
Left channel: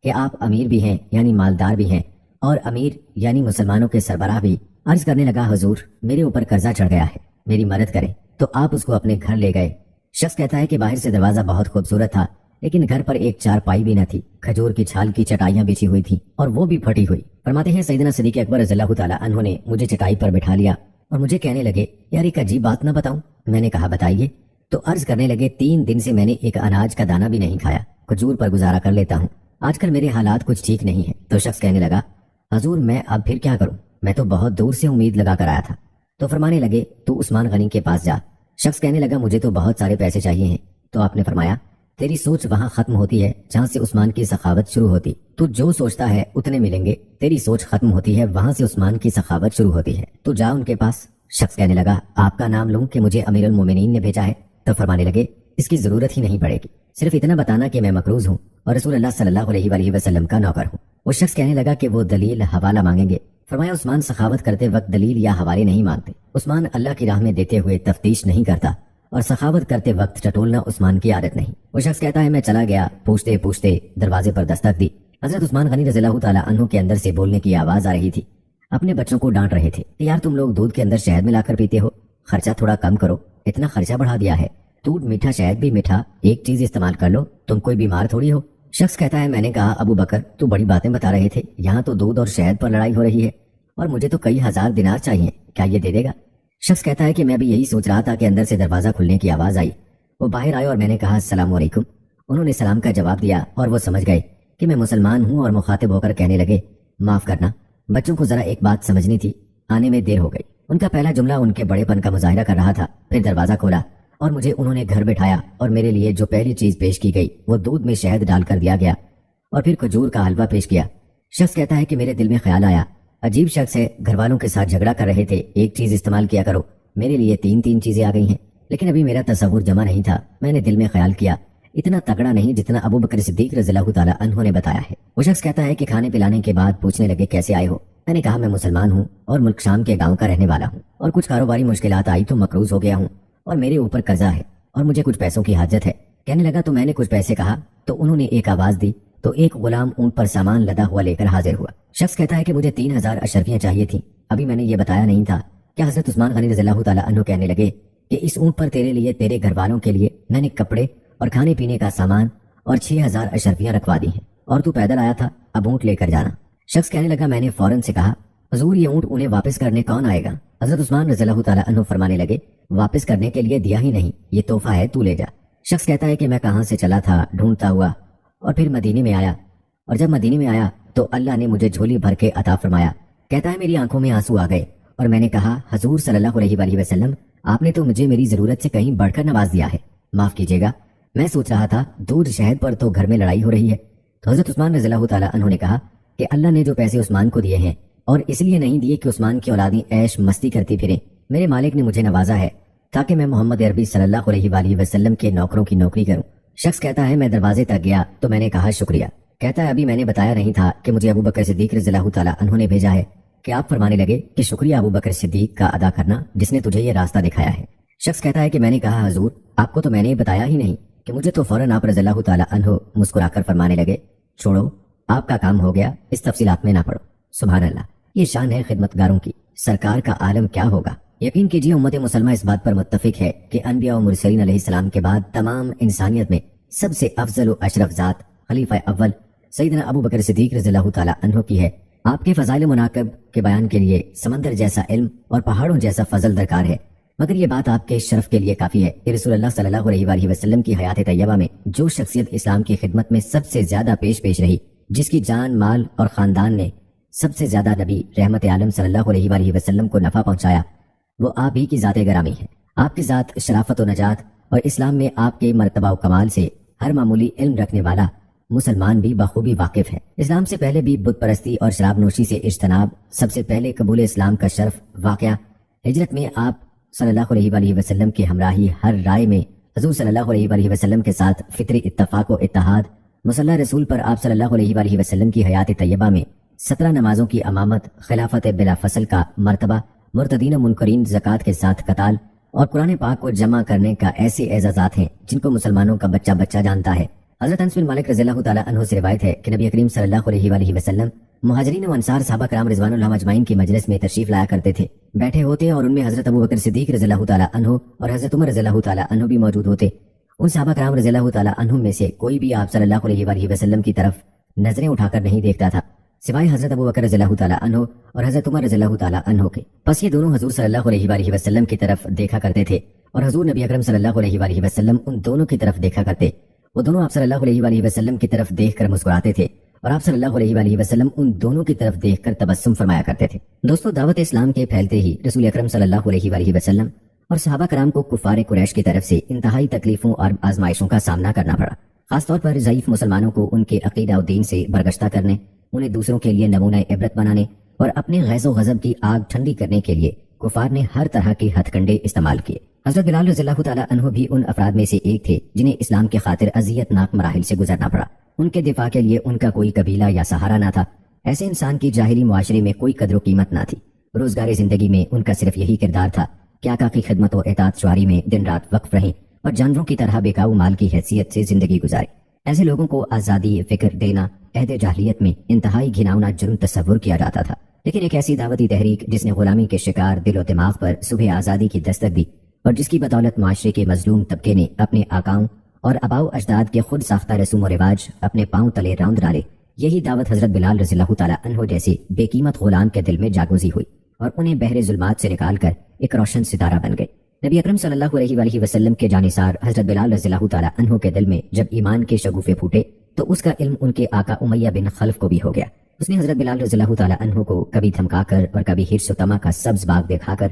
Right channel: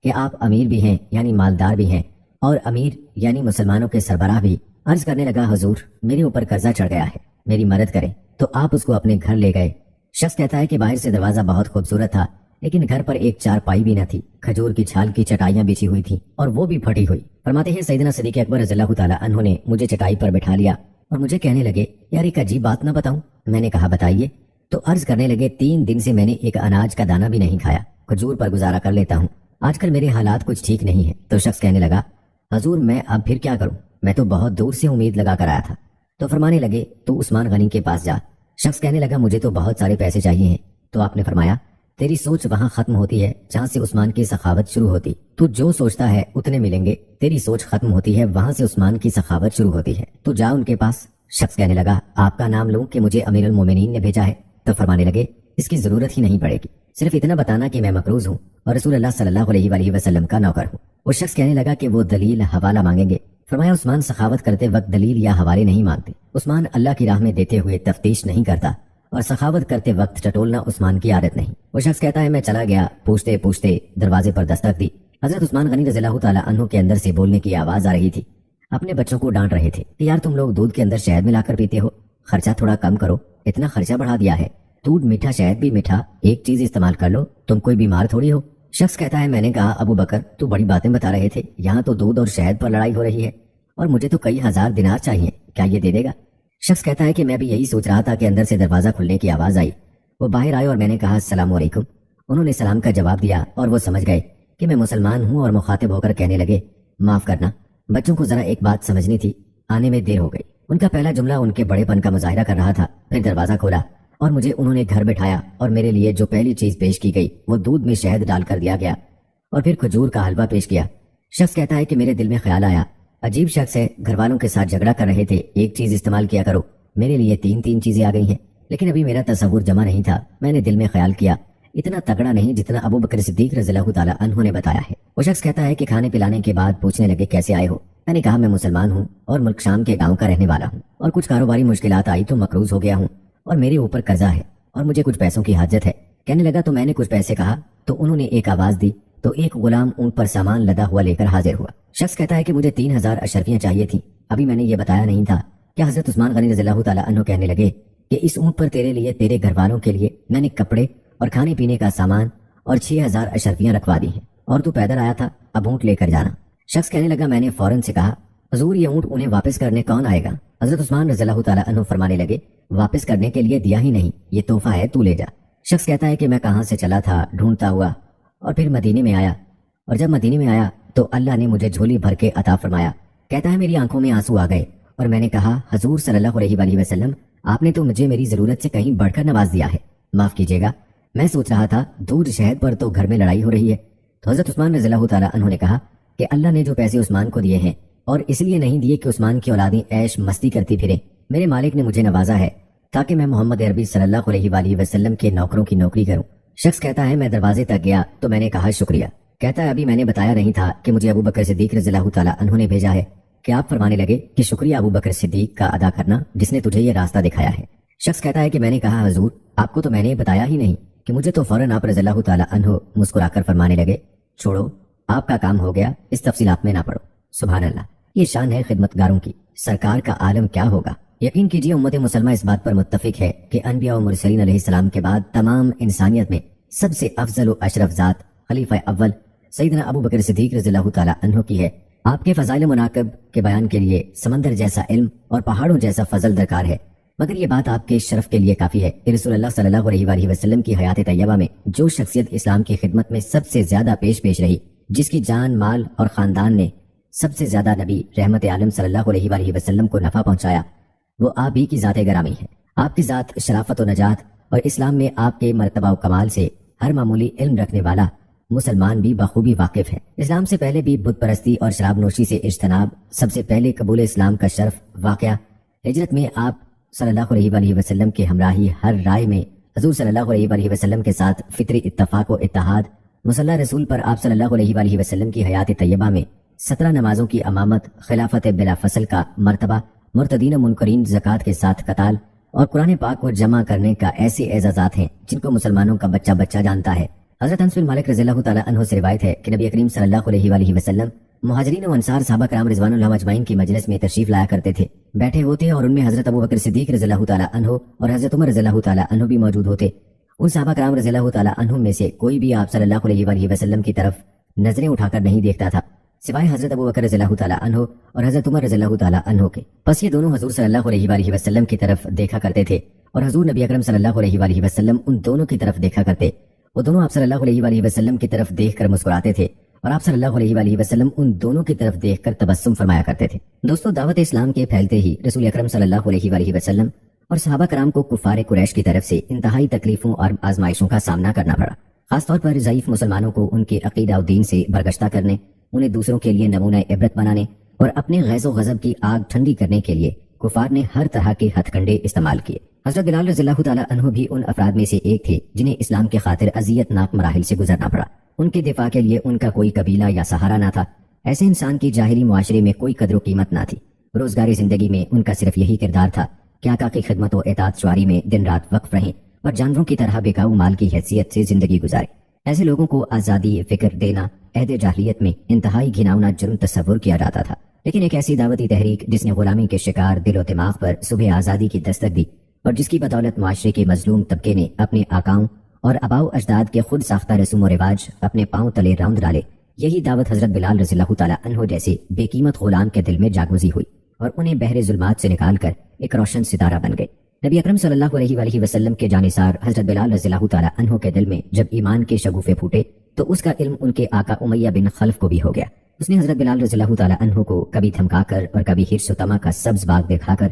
کہ آپ امیر بھی ہیں یعنی مالدار بھی ہیں، اور امیر یعنی مسلمانوں کے سربراہ بھی۔ عرض کرنے لگا، حضور میرے اوپر قرضہ چڑھ گیا ہے، میری مدد کریں۔ تو آپ اس کو اپنے گھر لے گئے۔ شخص کہتا ہے کہ باہر سے دروازہ بہت خوبصورت تھا لیکن گھر پر ایک چارپائی بھی نہ تھی، کھجور کی چھال کی چٹائیاں بچھی ہوئی تھیں اور وہ بھی پھٹی ہوئی۔ فرماتے ہیں سیدنا صدیق اکبر رضی اللہ تعالیٰ عنہ نے مجھے چٹائی پر بٹھا لیا اور مجھے کہنے لگے، یار ایک عجیب بات نہ بتاؤں؟ میں نے کہا بتائیے۔ تو عرض کرنے لگے، 3 دن سے میں نے ایک اناج کا دانہ بھی نہیں کھایا، کھجور پر گزارا کر لیتا ہوں، آج کل میرے حالات کچھ ٹھیک نہیں ہیں۔ تو شخص کہنے لگا، حضور میں اب پھر کیا کروں، میں تو بہت دور سے امید لگا کر آیا تھا۔ تو فرمانے لگے، تو عثمان غنی کے پاس جا۔ شخص کہنے لگا، مجھے تو بہت سارے پیسے چاہیے ہیں۔ تو آپ نے فرمایا، تیری سوچ وہاں ختم ہوتی ہے جہاں سے عثمان کی سخاوت شروع ہوتی. تو جو سوچتا ہے اتنے ملیں گے. تیری سوچ ختم ہوتی ہے وہاں سے عثمان کی سخاوت شروع ہوتی ہے. تو جا ان کے پاس. شخص کہنے لگا آپ کا نام لوں کہ مجھے امیر المومنین نے بھیجا ہے؟ تو فرمانے لگے اس کی ضرورت ہی نہیں پڑے گی، صرف اتنا بتانا کہ میں مقروض ہوں اور رسول اللہ صلی اللہ علیہ وآلہ وسلم کا نوکر ہوں. وہ شخص کہنے لگا کہ وہ دلیل حوالہ مانگیں گے. فرمایا عثمان سخاوت کرتے وقت دلیل یا حوالے نہیں مانگتے. عثمان اللہ کی راہ میں دیتے ہوئے تفتیش نہیں کرتا اور سخاوت کرتے وقت ٹٹولنا عثمان کی عادت نہیں. وہ شخص کہتا ہے میں چلا گیا، پوچھتے پوچھتے دروازے پر دستک دی. حضرت عثمان غنی رضی اللہ تعالیٰ عنہ کے اندر سے بولنے کی آواز آ رہی تھی. اپنے بچوں کو ڈانٹ رہے تھے کہ یار تم لوگ دودھ کے اندر شہد ملا کر پیتے ہو، خرچہ تھوڑا کم کرو، اتنا خرچہ بڑھا دیا ہے. دودھ میٹھا شہد بھی میٹھا، ایک چیز استعمال کر لو، تم کوئی بیمار تھوڑی ہو. شخص کہتا ہے میں نے کہا ابو بکر تو بڑی باتیں بتا رہے تھے، یہاں تو دودھ اور شہد پر لڑائی ہو رہی ہے اور مجھے تو کئی ہزار دینار چاہیے، کیا یہ دے دے گا؟ شخص کہتا ہے کہ میں بھی یہی سوچ رہا تھا کہ اندر سے دروازہ کھلنے کی آواز آئی. وہ باہر آئے اور میں نے کہا السلام علیکم. انہوں نے سلام کا جواب دیا اور وہ سمجھ گئے کہ میں مسلمان ہوں اور مخاطب ہو کر کہنے لگے معاف کرنا، بچوں کو ذرا ایک بات سمجھنی تھی، آنے میں دیر ہو گئی. ان کا پہلا جملہ ان کے بڑے پن کا مظاہرہ کر رہا تھا. پھر دروازہ کھولا اور مجھے انہوں نے گھر بٹھایا اور میرے لیے جو پہلی چیز پیش کی گئی وہ دودھ میں شہد ڈال کر دیا گیا اور پھر کھجور کا حلوہ پیش کیا. شخص کہتا ہے کہ میرے دل میں خیال آیا عجیب شخص ہے، گھر والوں کے ساتھ جھگڑا کر رہے تھے، ایک چیز استعمال کیا کرو، میرے لیے تین چیزیں آ گئی ہیں. لیکن ابھی میرا تصور جمع نہیں تھا. میں نے دل میں خیال کیا اتنا تگڑا نہیں جتنا ابو بکر صدیق رضی اللہ تعالیٰ عنہ نے بتایا ہے. وہ شخص کہتا ہے کہ کھانے پلانے کے بعد پوچھنے لگے کیسے آئے ہو؟ میں نے کہا میں مسلمان ہوں اور ملک شام کے گاؤں کا رہنے والا ہوں اور کچھ کاروباری مشکلات آئی تو مقروض ہو گیا ہوں اور میرے اوپر قرضہ ہے اور مجھے کچھ پیسوں کی حاجت ہے. کہنے لگا تو میں نے کچھ پیسے کہا تو انہوں نے ایک آواز دی تو ایک غلام اونٹ پر سامان لدا ہوا لے کر حاضر ہوا. شخص کہتا ہے کہ مجھے 3000 اشرفیاں چاہیے تھی، ابھی میں نے یہ بتایا نہیں تھا. کیا حضرت عثمان غنی رضی اللہ تعالیٰ عنہ کہنے لگے کہ اس اونٹ پر تیرے لیے تیرے گھر والوں کے لیے میں نے کپڑے اور کھانے پینے کا سامان اور 6000 اشرفیاں رکھوا دی ہیں اور تو پیدل آیا تھا، اب اونٹ لے کر جانا. شخص کہنے لگا میں نے فوراً سے کہا حضور یہ اونٹ انہیں واپس کرنے کون آئے گا؟ حضرت عثمان رضی اللہ تعالیٰ عنہ فرمانے لگے واپس کرنے کے لیے دیا ہی نہیں، یہ تحفہ ہے، تو لے جا. شخص کہتا ہے کہ میں کہاں سے چلا تھا ڈھونڈتا ہوا اور پھر مدینے میں آیا اور جب مدینے میں آیا تو اللہ نے مجھے جھولی بھر کے عطا فرمایا. کہتا ہے میری آنکھوں میں آنسو آ گئے اور میں نے کہا حضور صلی اللہ علیہ وآلہ وسلم آپ نے تو مجھے میری ضرورت سے کہیں بڑھ کر نواز دیا ہے، معاف کیجیے گا، میں سوچ رہا تھا دودھ شہد پر تو گھر میں لڑائی ہو رہی ہے. تو حضرت عثمان رضی اللہ تعالیٰ عنہ نے کہا کہ اللہ نے جو پیسے عثمان کو دیے ہیں اور اس لیے نہیں دیے کہ عثمان کی اولادیں عیش مستی کرتی پھریں، میرے مالک نے مجھے نوازا ہے تاکہ میں محمد عربی صلی اللہ علیہ وآلہ وسلم کے نوکروں کی نوکری کروں. شخص کہتا ہے میں دروازے تک گیا تو میں نے کہا شکریہ. کہتا ہے ابھی میں نے بتایا نہیں تھا کہ مجھے ابو بکر صدیق رضی اللہ تعالیٰ عنہ نے بھیجا ہے کہ آپ فرمانے لگے کہ شکریہ ابو بکر صدیق کا ادا کرنا جس نے تجھے یہ راستہ دکھایا ہے. شخص کہتا ہے کہ میں نے کہا حضور آپ کو تو میں نے بتایا ہی نہیں کہ مجھے تو فوراً آپ رضی اللہ تعالیٰ عنہ مسکرا کر فرمانے لگے چھوڑو آپ کا کام ہو گیا، اس تفصیلات میں نہ پڑو. سبحان اللہ، یہ شان ہے خدمتگاروں کی، سرکار کا عالم کیا ہوگا. یقین کیجیے امت مسلمہ اس بات پر متفق ہے کہ انبیاء و مرسلین علیہ السلام کے بعد تمام انسانیت میں سب سے افضل و اشرف ذات خلیفہ اول سیدنا ابو بکر صدیق رضی اللہ تعالیٰ عنہ کی ہے. آپ کے فضائل مناقب کے بیان کے لیے سمندر جیسا علم اور پہاڑوں جیسا فضل درکار ہے، مگر یہ بات آپ کے شرف کے لیے کافی ہے کہ رسول اللہ صلی اللہ علیہ وآلہ وسلم کی حیات طیبہ میں جو شخصیت اسلام کی خدمت میں سب سے زیادہ پیش رہی، جس کی جان مال اور خاندان نے سب سے زیادہ نبی رحمت عالم صلی اللہ علیہ وآلہ وسلم کو نفع پہنچایا، وہ آپ ہی کی ذات گرامی ہے. آپ کی ذات شرافت و نجات اور اسلام میں آپ کے مرتبہ و کمال سے ہر معمولی علم رکھنے والا مسلمان بھی بخوبی واقف ہے. اسلام سے پہلے بھی بت پرستی اور شراب نوشی سے اجتناب، سب سے پہلے قبول اسلام کا شرف واقعہ ہجرت میں آپ صلی اللہ علیہ وآلہ وسلم کی ہمراہی ہر رائے میں حضور صلی اللہ علیہ وآلہ وسلم کے ساتھ فطری اتفاق و اتحاد، مصلی رسول پر آپ صلی اللہ علیہ وآلہ وسلم کی حیات طیبہ میں 17 نمازوں کی امامت، خلافت بلا فصل کا مرتبہ، مرتدین منکرین زکوٰۃ کے ساتھ قتال اور قرآن پاک کو جمع کرنے کا ایسے اعزازات ہیں جن کو مسلمانوں کا بچہ بچہ جانتا ہے. حضرت انس بن مالک رضی اللہ تعالیٰ عنہ سے روایت ہے کہ نبی کریم صلی اللہ علیہ وآلہ وسلم مہاجرین و انصار صحابہ کرام رضوان اللہ اجمعین کی مجلس میں تشریف لایا کرتے تھے. بیٹھے ہوتے اور ان میں حضرت ابو بکر صدیق رضی اللہ تعالیٰ عنہ اور حضرت عمر رضی اللہ تعالیٰ عنہ بھی موجود ہوتے. ان صحابہ کرام رضی اللہ تعالیٰ عنہ میں سے کوئی بھی آپ صلی اللہ علیہ وآلہ وسلم کی طرف نظریں اٹھا کر نہیں دیکھتا تھا سوائے حضرت ابو بکر رضی اللہ تعالیٰ عنہ اور حضرت عمر رضی اللہ تعالیٰ عنہ کے. بس یہ دونوں حضور صلی اللہ علیہ وآلہ وسلم کی طرف دیکھا کرتے تھے اور حضور نبی اکرم صلی اللہ علیہ وآلہ وسلم ان دونوں کی طرف دیکھا کرتے. وہ دونوں آپ صلی اللہ علیہ وآلہ وسلم کی طرف دیکھ کر مسکراتے تھے اور آپ صلی اللہ علیہ وآلہ وسلم ان دونوں کی طرف دیکھ کر تبسم فرمایا کرتے تھے. دوستو، دعوت اسلام کے پھیلتے ہی رسول اکرم صلی اللہ علیہ وآلہ وسلم اور صحابہ کرام کو کفار قریش کی طرف سے انتہائی تکلیفوں اور آزمائشوں کا سامنا کرنا پڑا. خاص طور پر ضعیف مسلمانوں کو ان کے عقیدہ و دین سے برگشتہ کرنے، انہیں دوسروں کے لیے نمونہ عبرت بنانے اور اپنے غیظ و غضب کی آگ ٹھنڈی کرنے کے لیے کفار نے ہر طرح کے ہتھ کنڈے استعمال کیے۔ حضرت بلال رضی اللہ تعالیٰ عنہ بھی ان افراد میں سے ایک تھے جنہیں اسلام کی خاطر اذیت ناک مراحل سے گزرنا پڑا۔ ان کے دفاع کے لیے ان کا کوئی قبیلہ یا سہارا نہ تھا۔ ایسے انسان کی جاہلی معاشرے میں کوئی قدر و قیمت نہ تھی۔ روزگاری زندگی میں ان کا صرف یہی کردار تھا کہ آقا کی خدمت و اطاعت شعاری میں دن رات وقف رہیں اور جانوروں کی طرح بکاؤ مال کی حیثیت سے زندگی گزارے۔ ایسے لوگوں کو آزادی فکر دینا عہد جاہلیت میں انتہائی گھناؤنا جرم تصور کیا جاتا تھا، لیکن ایک ایسی دعوتی تحریک جس نے غلامی کے شکار دل و دماغ پر صبح آزادی کی دستک دی اور جس کی بدولت معاشرے کے مظلوم طبقے نے اپنے آقاؤں اور آباؤ اجداد کے خود ساختہ رسوم و رواج اپنے پاؤں تلے راؤند ڈالے، یہی دعوت حضرت بلال رضی اللہ تعالیٰ عنہ جیسے بے قیمت غلام کے دل میں جاگوزی ہوئی اور انہیں بحر ظلمات سے نکال کر ایک روشن ستارہ بن گئے۔ نبی اکرم صلی اللہ علیہ وآلہ وسلم کے جانثار حضرت بلال رضی اللہ تعالیٰ عنہ کے دل میں جب ایمان کے شگوفے پھوٹے تو اس کا علم ان کے آقا امیہ بن خلف کو بھی ہو گیا۔ اس نے حضرت بلال رضی اللہ تعالیٰ عنہ کو کبھی دھمکا کر اور کبھی حرص و طمع کا سبز باغ دکھا کر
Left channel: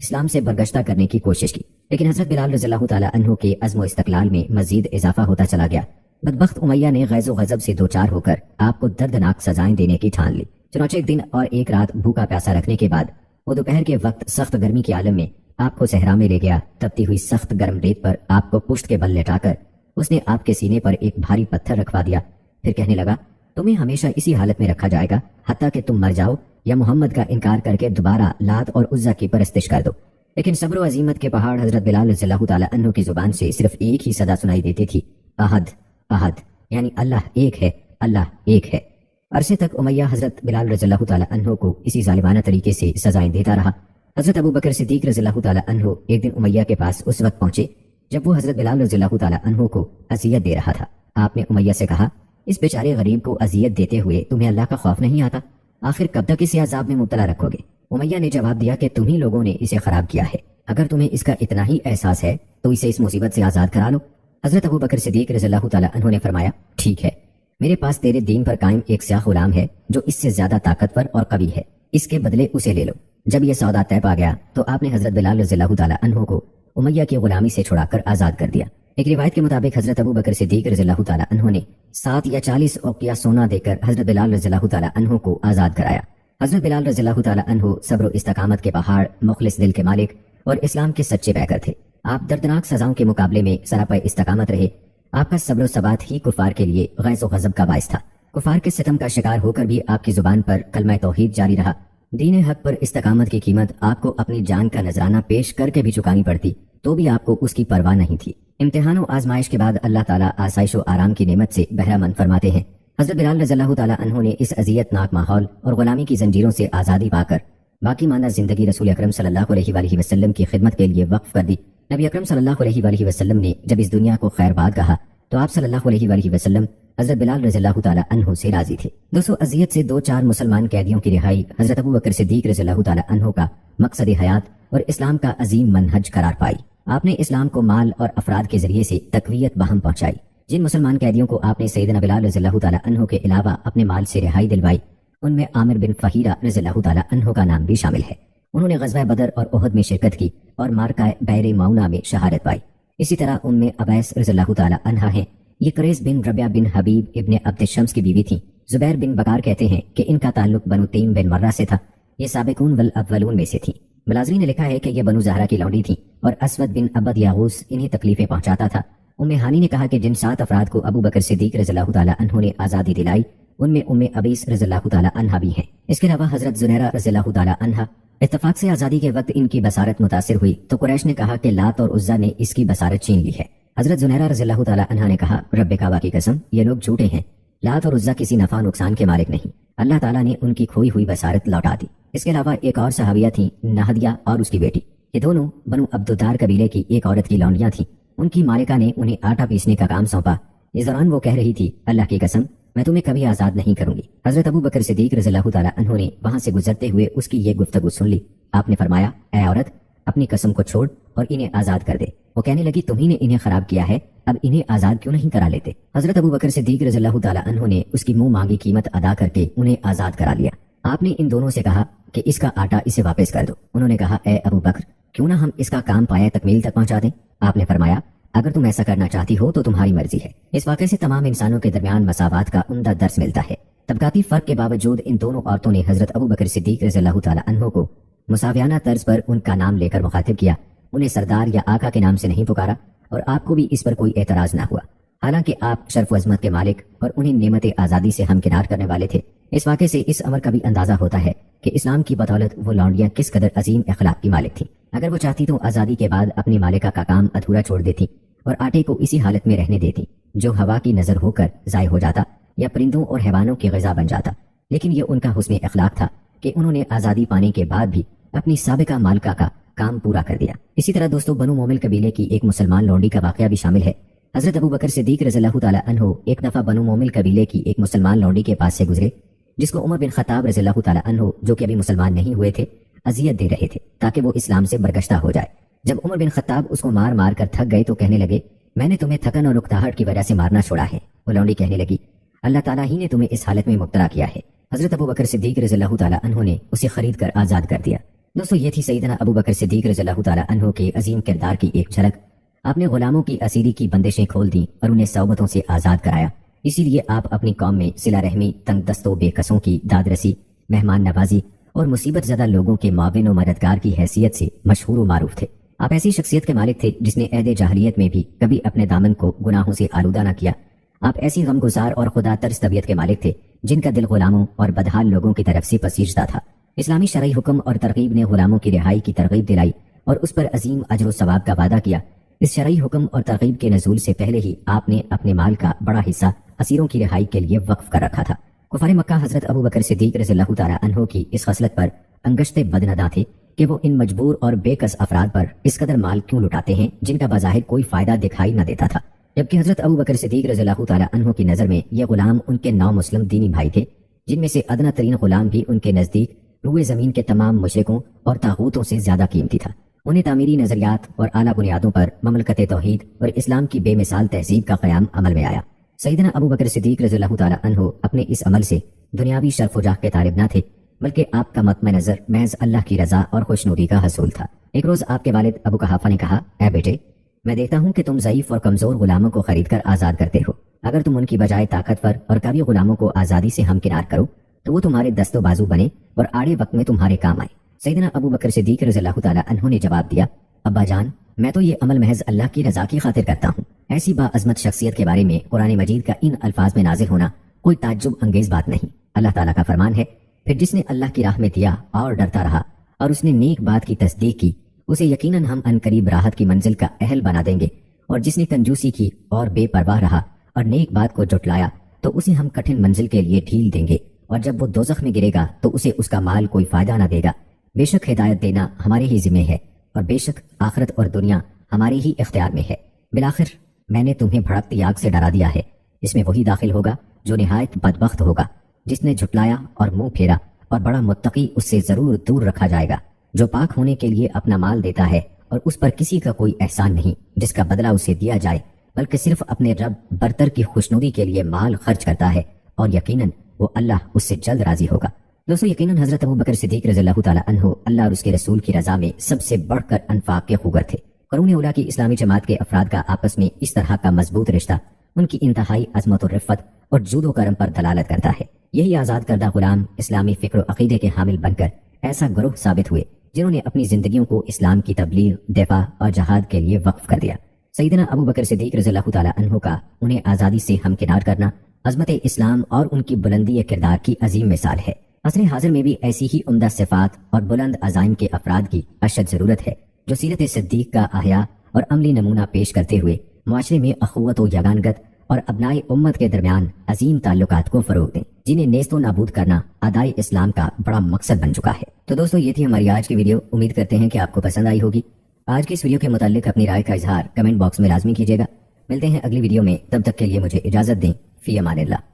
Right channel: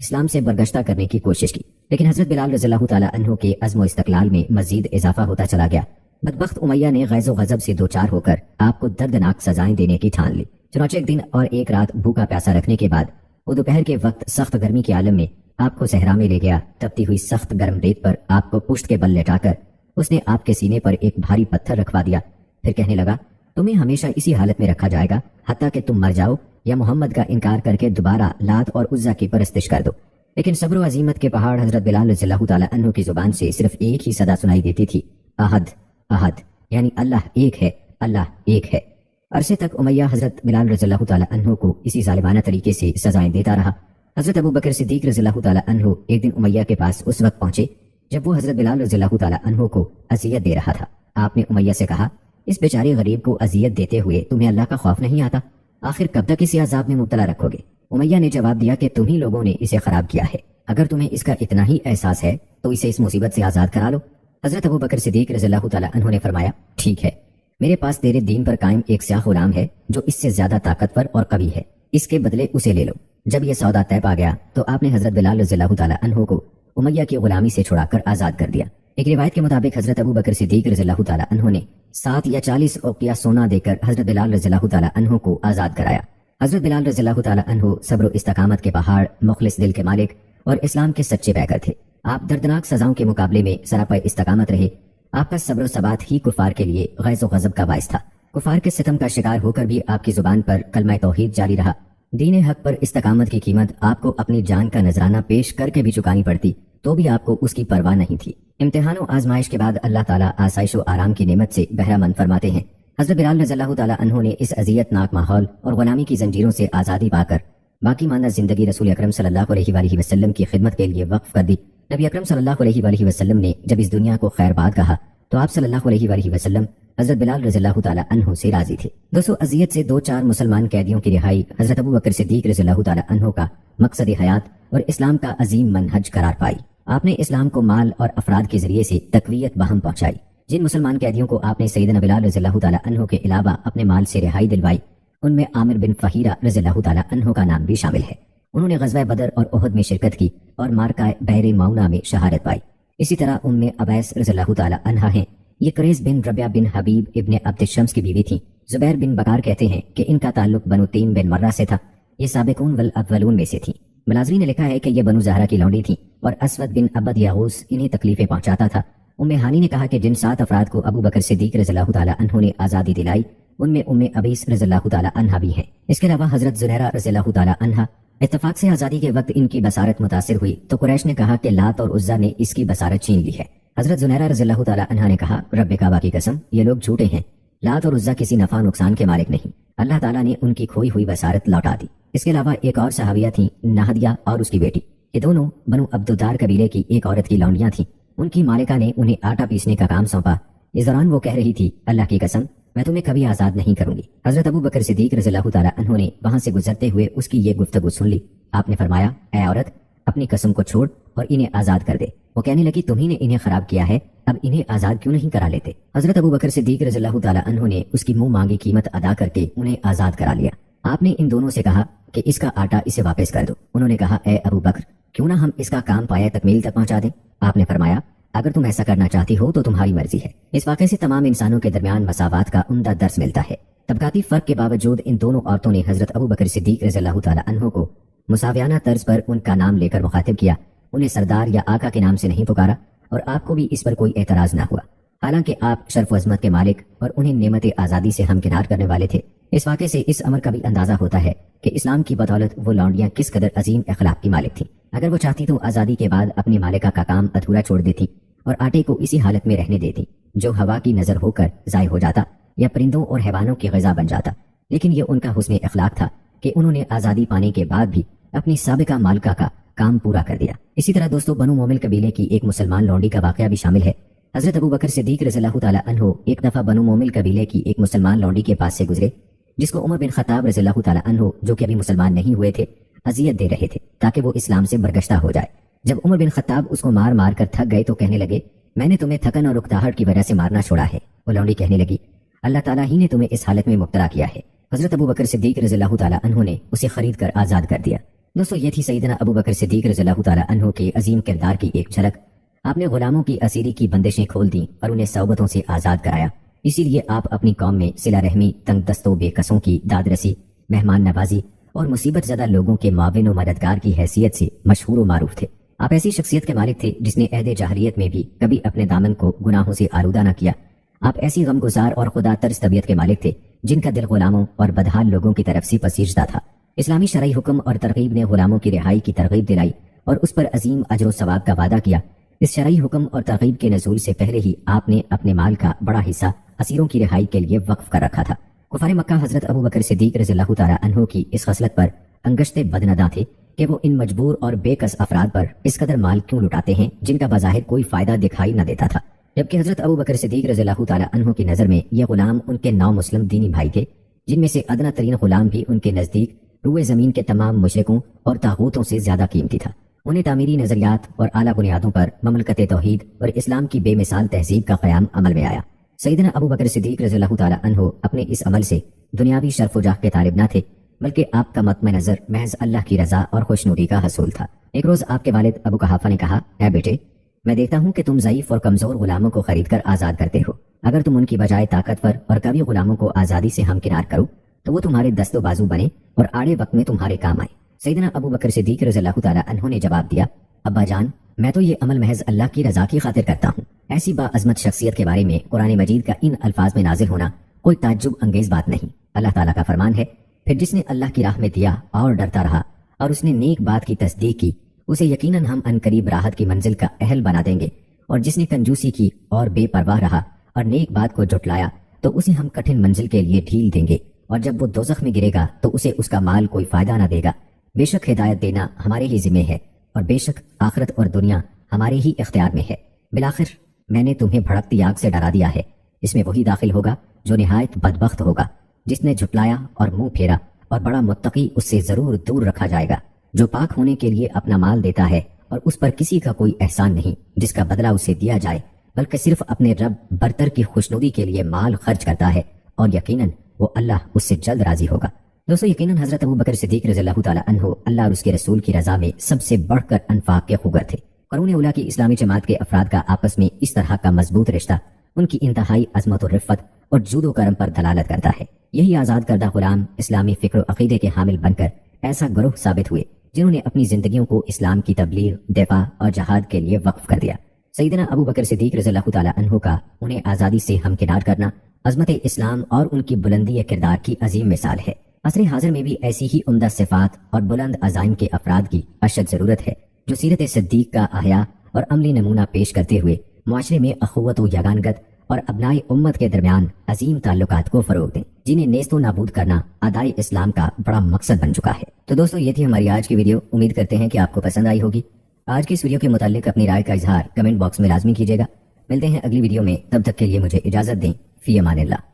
اسلام سے برگشتہ کرنے کی کوشش کی، لیکن حضرت بلال رضی اللہ تعالیٰ عنہ کے عزم و استقلال میں مزید اضافہ ہوتا چلا گیا۔ بدبخت امیہ نے غیظ و غضب سے دوچار ہو کر آپ کو دردناک سزائیں دینے کی ٹھان لی۔ چنانچہ ایک دن اور ایک رات بھوکا پیاسا رکھنے کے بعد وہ دوپہر کے وقت سخت گرمی کے عالم میں آپ کو صحرا میں لے گیا۔ تپتی ہوئی سخت گرم ریت پر آپ کو پشت کے بل لٹا کر اس نے آپ کے سینے پر ایک بھاری پتھر رکھوا دیا، پھر کہنے لگا تمہیں ہمیشہ اسی حالت میں رکھا جائے گا حتیٰ کہ تم مر جاؤ یا محمد کا انکار کر کے دوبارہ لات اور عزا کی پرستش کر دو۔ لیکن صبر و عزیمت کے پہاڑ حضرت بلال رضی اللہ تعالیٰ عنہ کی زبان سے صرف ایک ہی صدا سنائی دیتی تھی، احد احد، یعنی اللہ ایک ہے، اللہ ایک ہے۔ عرصے تک امیہ حضرت بلال رضی اللہ تعالیٰ عنہ کو اسی ظالمانہ طریقے سے سزائیں دیتا رہا۔ حضرت ابو بکر صدیق رضی اللہ تعالیٰ عنہ ایک دن امیہ کے پاس اس وقت پہنچے جب وہ حضرت بلال رضی اللہ تعالیٰ عنہ کو اذیت دے رہا تھا۔ آپ نے امیہ سے کہا اس بیچارے غریب کو اذیت دیتے ہوئے تمہیں اللہ کا خوف نہیں آتا؟ آخر کب تک اسی عذاب میں مبتلا رکھو گے؟ امیہ نے جواب دیا کہ تم ہی لوگوں نے اسے خراب کیا ہے، اگر تمہیں اس کا اتنا ہی احساس ہے تو اسے اس مصیبت سے آزاد کرا لو۔ حضرت ابو بکر صدیق رضی اللہ تعالیٰ عنہ نے فرمایا ٹھیک ہے، میرے پاس تیرے دین پر قائم ایک سیاہ غلام ہے جو اس سے زیادہ طاقتور اور قوی ہے، اس کے بدلے اسے لے لو۔ جب یہ سودا طے پا گیا تو آپ نے حضرت بلال رضی اللہ تعالیٰ عنہ کو امیہ کی غلامی سے چھڑا کر آزاد کر دیا۔ ایک روایت کے مطابق حضرت ابو بکر صدیق رضی اللہ تعالیٰ عنہ نے 7 یا 40 اوقیہ سونا دے کر حضرت بلال رضی اللہ تعالیٰ عنہ کو آزاد کرایا۔ حضرت بلال رضی اللہ تعالیٰ عنہ صبر و استقامت کے پہاڑ، مخلص دل کے مالک اور اسلام کے سچے پیکر تھے۔ آپ دردناک سزاؤں کے مقابلے میں سراپا استقامت رہے۔ آپ کا صبر و ثبات ہی کفار کے لیے غیظ و غضب کا باعث تھا۔ کفار کے ستم کا شکار ہو کر بھی آپ کی زبان پر کلمہ توحید جاری رہا۔ دین حق پر استقامت کی قیمت آپ کو اپنی جان کا نذرانہ پیش کر کے بھی چکانی پڑتی تو بھی آپ کو اس کی پرواہ نہیں تھی۔ امتحان و آزمائش کے بعد اللہ تعالیٰ آسائش و آرام کی نعمت سے بہرہ مند فرماتے ہیں۔ حضرت بلال رضی اللہ تعالیٰ عنہ نے اس اذیت ناک ماحول اور غلامی کی زنجیروں سے آزادی پا کر باقی ماندہ زندگی رسول اکرم صلی اللہ علیہ وآلہ وسلم کی خدمت کے لیے وقف کر دی۔ نبی اکرم صلی اللہ علیہ وآلہ وسلم نے جب اس دنیا کو خیر باد کہا تو آپ صلی اللہ علیہ وآلہ وسلم حضرت بلال رضی اللہ تعالیٰ عنہ سے راضی تھے۔ دوستو، اذیت سے 2-4 مسلمان قیدیوں کی رہائی حضرت ابو بکر صدیق رضی اللہ تعالیٰ عنہ کا مقصد حیات اور اسلام کا عظیم منہج قرار پائی۔ آپ نے اسلام کو مال اور افراد کے ذریعے سے تقویت بہم پہنچائی۔ جن مسلمان قیدیوں کو آپ نے سیدنا بلال رضی اللہ تعالیٰ عنہ کے علاوہ اپنے مال سے رہائی دلوائی ان میں عامر بن فہیرہ رضی اللہ تعالیٰ عنہ کا نام بھی شامل ہے۔ انہوں نے غزوہ بدر اور احد میں شرکت کی اور مارکہ بئر معونہ میں شہادت پائی۔ اسی طرح ابیس رضی اللہ تعالیٰ عنہ ہیں۔ یہ قریظ بن ربیعہ بن حبیب ابن عبد الشمس کی بیوی تھیں۔ زبیر بن بکار کہتے ہیں کہ ان کا تعلق بنو تیم بن مرہ سے تھا۔ یہ سابقون والاولون میں سے تھیں۔ بلازری نے لکھا ہے کہ یہ بنو زہرہ کی لونڈی تھی اور اسود بن عبد یاغوس انہیں تکلیفیں پہنچاتا تھا۔ ہانی نے کہا کہ جن 7 افراد کو ابو بکر صدیق رضی اللہ تعالیٰ عنہ نے آزادی دلائی ان میں ابیس رضی اللہ تعالیٰ عنہ بھی ہیں۔ اس کے علاوہ حضرت زنیرہ رضی اللہ تعالیٰ عنہ، اتفاق سے آزادی کے وقت ان کی بصارت متاثر ہوئی تو قریش نے کہا کہ لات اور عزا نے اس کی بصارت چھین لی ہے۔ حضرت زنیرہ رضی اللہ تعالیٰ عنہ نے کہا رب کعبہ کی قسم، یہ لوگ جھوٹے ہیں، لات اور عزا کسی نفع نقصان کے مالک نہیں، اللہ تعالیٰ نے ان کی کھوئی ہوئی بصارت لوٹا دی۔ اس کے علاوہ ایک اور صحابیہ تھی نہدیہ اور اس کی بیٹی، یہ دونوں بنو عبدالدار قبیلے کی ایک عورت کی لونڈیاں تھیں۔ ان کی مالکہ نے انہیں آٹا پیسنے کا کام سونپا۔ اس دوران وہ کہہ رہی تھی اللہ کی قسم میں تمہیں کبھی آزاد نہیں کروں گی۔ حضرت ابو بکر صدیق رضی اللہ تعالیٰ عنہ نے وہاں سے گزرتے ہوئے اس کی یہ گفتگو سن لی۔ آپ نے فرمایا اے عورت، اپنی قسم کو چھوڑ اور انہیں آزاد کر دے۔ وہ کہنے لگی تمہیں نے انہیں خراب کیا ہے، اب انہیں آزاد کیوں نہیں کرا لیتے؟ حضرت ابو بکر صدیق رضی اللہ تعالیٰ عنہ نے اس کی منہ مانگی قیمت ادا کر کے انہیں آزاد کرا لیا۔ آپ نے ان دونوں سے کہا کہ اس کا آٹا اسے واپس کر دو۔ انہوں نے کہا اے ابو بکر، کیوں نہ ہم اس کا کام پایا تکمیل تک پہنچا دیں؟ آپ نے فرمایا اگر تم ایسا کرنا چاہتی ہو تو تمہاری مرضی ہے۔ اس واقعے سے تمام انسانوں کے درمیان مساوات کا عمدہ درس ملتا ہے۔ طبقاتی فرق کے باوجود ان دونوں عورتوں نے حضرت ابوبکر صدیق رضی اللہ تعالی عنہ کو مساویانہ طرز پر ان کا نام لے کر مخاطب کیا، انہیں سردار یا آقا کے نام سے نہیں پکارا، اور آپ کو بھی اس پر کوئی اعتراض نہ ہوا، حالانکہ آپ شرف و عظمت کے مالک اور انہیں نعمت آزادی سے ہمکنار کرنے والے تھے۔ اس واقعے سے اس امر کا بھی اندازہ ہوتا ہے کہ اسلام کی بدولت وہ لونڈیاں کس قدر عظیم اخلاق کی مالک تھیں۔ اگر وہ چاہتی تو آزادی کے بعد اپنی مالکہ کا کام ادھورا چھوڑ دیتی اور آٹے کو اسی حالت میں رہنے دیتی جو ہوا کی نظر ہو کر ضائع ہو جاتا یا پرندوں اور حیوانوں کی غذا بن جاتا، لیکن یہ ان کا حسن اخلاق تھا کہ انہوں نے آزادی پانے کے بعد بھی اپنی سابقہ مالکہ کا کام پورا کر دیا۔ اسی طرح دوستو، بنو مومل قبیلے کی ایک مسلمان لونڈی کا واقعہ بھی شامل ہے۔ حضرت ابوبکر صدیق رضی اللہ تعالی عنہ ایک دفعہ بنو مومل قبیلے کی ایک مسلمان لونڈی کے پاس سے گزرے جس کو عمر بن خطاب رضی اللہ تعالی عنہ، جو کہ ابھی مسلمان نہیں ہوئے تھے، اذیت دے رہے تھے تاکہ وہ اسلام سے برگشتہ ہو جائے۔ جب عمر بن خطاب اس کو مار مار کر تھک گئے تو کہنے لگے، میں نے تمہیں تھکن اور رکتاہٹ کی وجہ سے مارنا چھوڑا ہے۔ وہ لونڈی کہنے لگی، اللہ تعالیٰ ہی نے تمہیں اس حالت میں مبتلا کیا ہے۔ حضرت ابوبکر صدیق رضی اللہ تعالی عنہ نے اسے خرید کر آزاد کر دیا۔ دوستو، یہ تھی سیدنا ابوبکر صدیق رضی اللہ تعالی عنہ کی عظیم کردار کی ایک جھلک۔ آپ نے غلاموں کی اسیری کی بندشیں کھول دیں اور انہیں صعوبتوں سے آزاد کرایا۔ اسی لیے آپ اپنی قوم میں صلہ رحمی، تنگ دستوں، بے کسوں کی داد رسی، مہمان نوازی اور مصیبت زدہ لوگوں کے معاون و مددگار کی حیثیت سے مشہور و معروف تھے۔ آپ ایسی شخصیت کے مالک تھے جس نے عہد جاہلیت میں بھی کبھی اپنے دامن کو گناہوں سے آلودہ نہ کیا۔ آپ ایسی غمگسار اور خدا ترس طبیعت کے مالک تھے جن کا دل غلاموں اور بدحال لوگوں کی طرف سے پسیجدہ تھا۔ اسلامی شرعی حکم اور ترغیب نے غلاموں کی رہائی کی ترغیب دلائی اور اس پر عظیم اجر و ثواب کا وعدہ کیا۔ اس شرعی حکم اور ترغیب کے نزول سے پہلے ہی آپ نے اپنے مال کا بڑا حصہ اسیروں کی رہائی کے لیے وقف کر رکھا تھا۔ کفار مکہ حضرت ابوبکر صدیق رضی اللہ تعالی عنہ کی اس خصلت پر انگشتے بدنداں تھے کہ وہ ان مجبور اور بے کس افراد پر اس قدر مال کیوں لٹاتے ہیں جن کا بظاہر کوئی فائدہ دکھائی نہ دیتا تھا، جبکہ حضرت ابوبکر صدیق رضی اللہ تعالی عنہ کی نظر میں یہ غلام ان کے 9 مسلم دینی بھائی تھے، جن میں سے ادنا ترین غلام بھی ان کے نزدیک روئے زمین کے تمام مشرکوں اور طاغوتوں سے زیادہ قیمتی تھا۔ انہیں تعمیری نظریات اور اعلیٰ بنیادوں پر مملکت توحید اور اسلام کی بے مثال تہذیب کا قیام عمل میں آیا۔ سیدنا ابوبکر صدیق رضی اللہ تعالی عنہ اپنے اس عمل سے دنیاوی شرف و جاہ کے طالب نہ تھے، بلکہ آپ کا مطمع نظر محض اللہ کی رضا اور خوشنودی کا حصول تھا۔ ایک روز آپ کے والد ابو قحافہ نے کہا، اے بیٹے، میں دیکھتا ہوں کہ تم ضعیف اور کمزور غلاموں کو خرید کر آزاد کرتے ہو۔ اگر تم ان کی بجائے طاقتور اور قوی غلاموں کو آزادی سے ہمکنار کرو تو وہ تمہارے دست و بازو بنے اور آڑے وقت میں تمہارے کام آئے۔ سیدنا ابوبکر صدیق رضی اللہ تعالی عنہ نے جواب دیا، ابا جان، میں تو یہ عمل محض اللہ کی رضا کی خاطر کرتا ہوں۔ ایسی باعظمت شخصیت کے بارے میں قرآن مجید کا ان الفاظ میں نازل ہونا کوئی تعجب انگیز بات نہیں۔ اللہ تعالیٰ کا فرمان ہے، پھر جس نے اللہ کی راہ میں دیا اور ڈرتا رہا اور اس نے نیک بات کی تصدیق کی، اسے یقیناً ہم عنقریب راحت کی منزل کا اہل بنا دیں گے، اور جس نے کنجوسی کی اور بے پرواہ رہا اور نیک بات کو جھٹلایا تو اسے ہم کٹھن منزل کے لیے ڈھیل دیں گے، اور جب وہ دوزخ میں گرے گا تو اسے اس کا مال کوئی فائدہ نہ دے گا۔ بے شک ہدایت دینا ہمارے ہی ذمہ ہے، اور بے شک آخرت اور دنیا ہمارے ہی اختیار میں ہے۔ بالآخر میں نے تمہیں بھڑکتی آگ سے ڈرا دیا ہے، اس میں وہی داخل ہوگا جو نہایت بدبخت ہوگا، جس نے جھٹلایا اور منہ پھیرا، اور بڑا متقی اس سے ضرور دور رکھا جائے گا، جو پاک ہونے کے لیے اپنا مال دیتا ہے اور اس پر کسی کا کوئی احسان نہیں جس کا بدلہ اسے دیا جائے، بلکہ صرف اپنے رب برتر کی خوشنودی کے لیے مال خرچ کرتا ہے، اور یقیناً وہ اللہ اس سے جلد راضی ہوگا۔ دوستو، یقیناً حضرت ابوبکر صدیق رضی اللہ تعالی عنہ اللہ اور اس کے رسول کی رضا میں سب سے بڑھ کر انفاق کے خوگر تھے۔ قرون اولیٰ کی اسلامی جماعت کے افراد کا آپس میں اس طرح کا مضبوط رشتہ ان کی انتہائی عظمت و رفت اور جود و کرم پر دلالت کرتا ہے۔ یہی آزاد کردہ غلام اسلامی فکر و عقیدے کے حامل بن کر ایسا گروہ ثابت ہوئے جنہوں نے اپنی زندگیوں کو اسلام کی تبلیغ، دفاع اور جہاد کے لیے وقف کر دیا۔ سیدنا ابوبکر صدیق رضی اللہ تعالی عنہ کا انہیں آزادی سے ہمکنار کرنا عظمت اسلام اور ان کی بلندی کردار کی عظیم مثال ہے۔ عصر حاضر میں بھی ایسی ہی عمدہ صفات اور بلند عزائم کے افراد کی اشد ضرورت ہے جو سیرت صدیق کا احیاء اور عملی نمونہ پیش کرتے ہوئے معاشرے میں اخوت و یگانگت اور ابنائے امت کے درمیان عظیم تعلقات کو فروغ دیں، جنہیں نیست و نابود کرنا ادائے اسلام کا بڑا مقصد بن چکا ہے۔ تو دوستو، یہ تھی ہماری آج کی ویڈیو، امید کرتے ہیں کہ آپ کو پسند آئی ہوگی۔ آج کی اس ویڈیو کے متعلق اپنی رائے کا اظہار کمنٹ باکس میں لازمی کیجیے گا۔ ملتے ہیں اگلی ویڈیو میں، تب تک کے لیے مجھے اجازت دیں، فی امان اللہ۔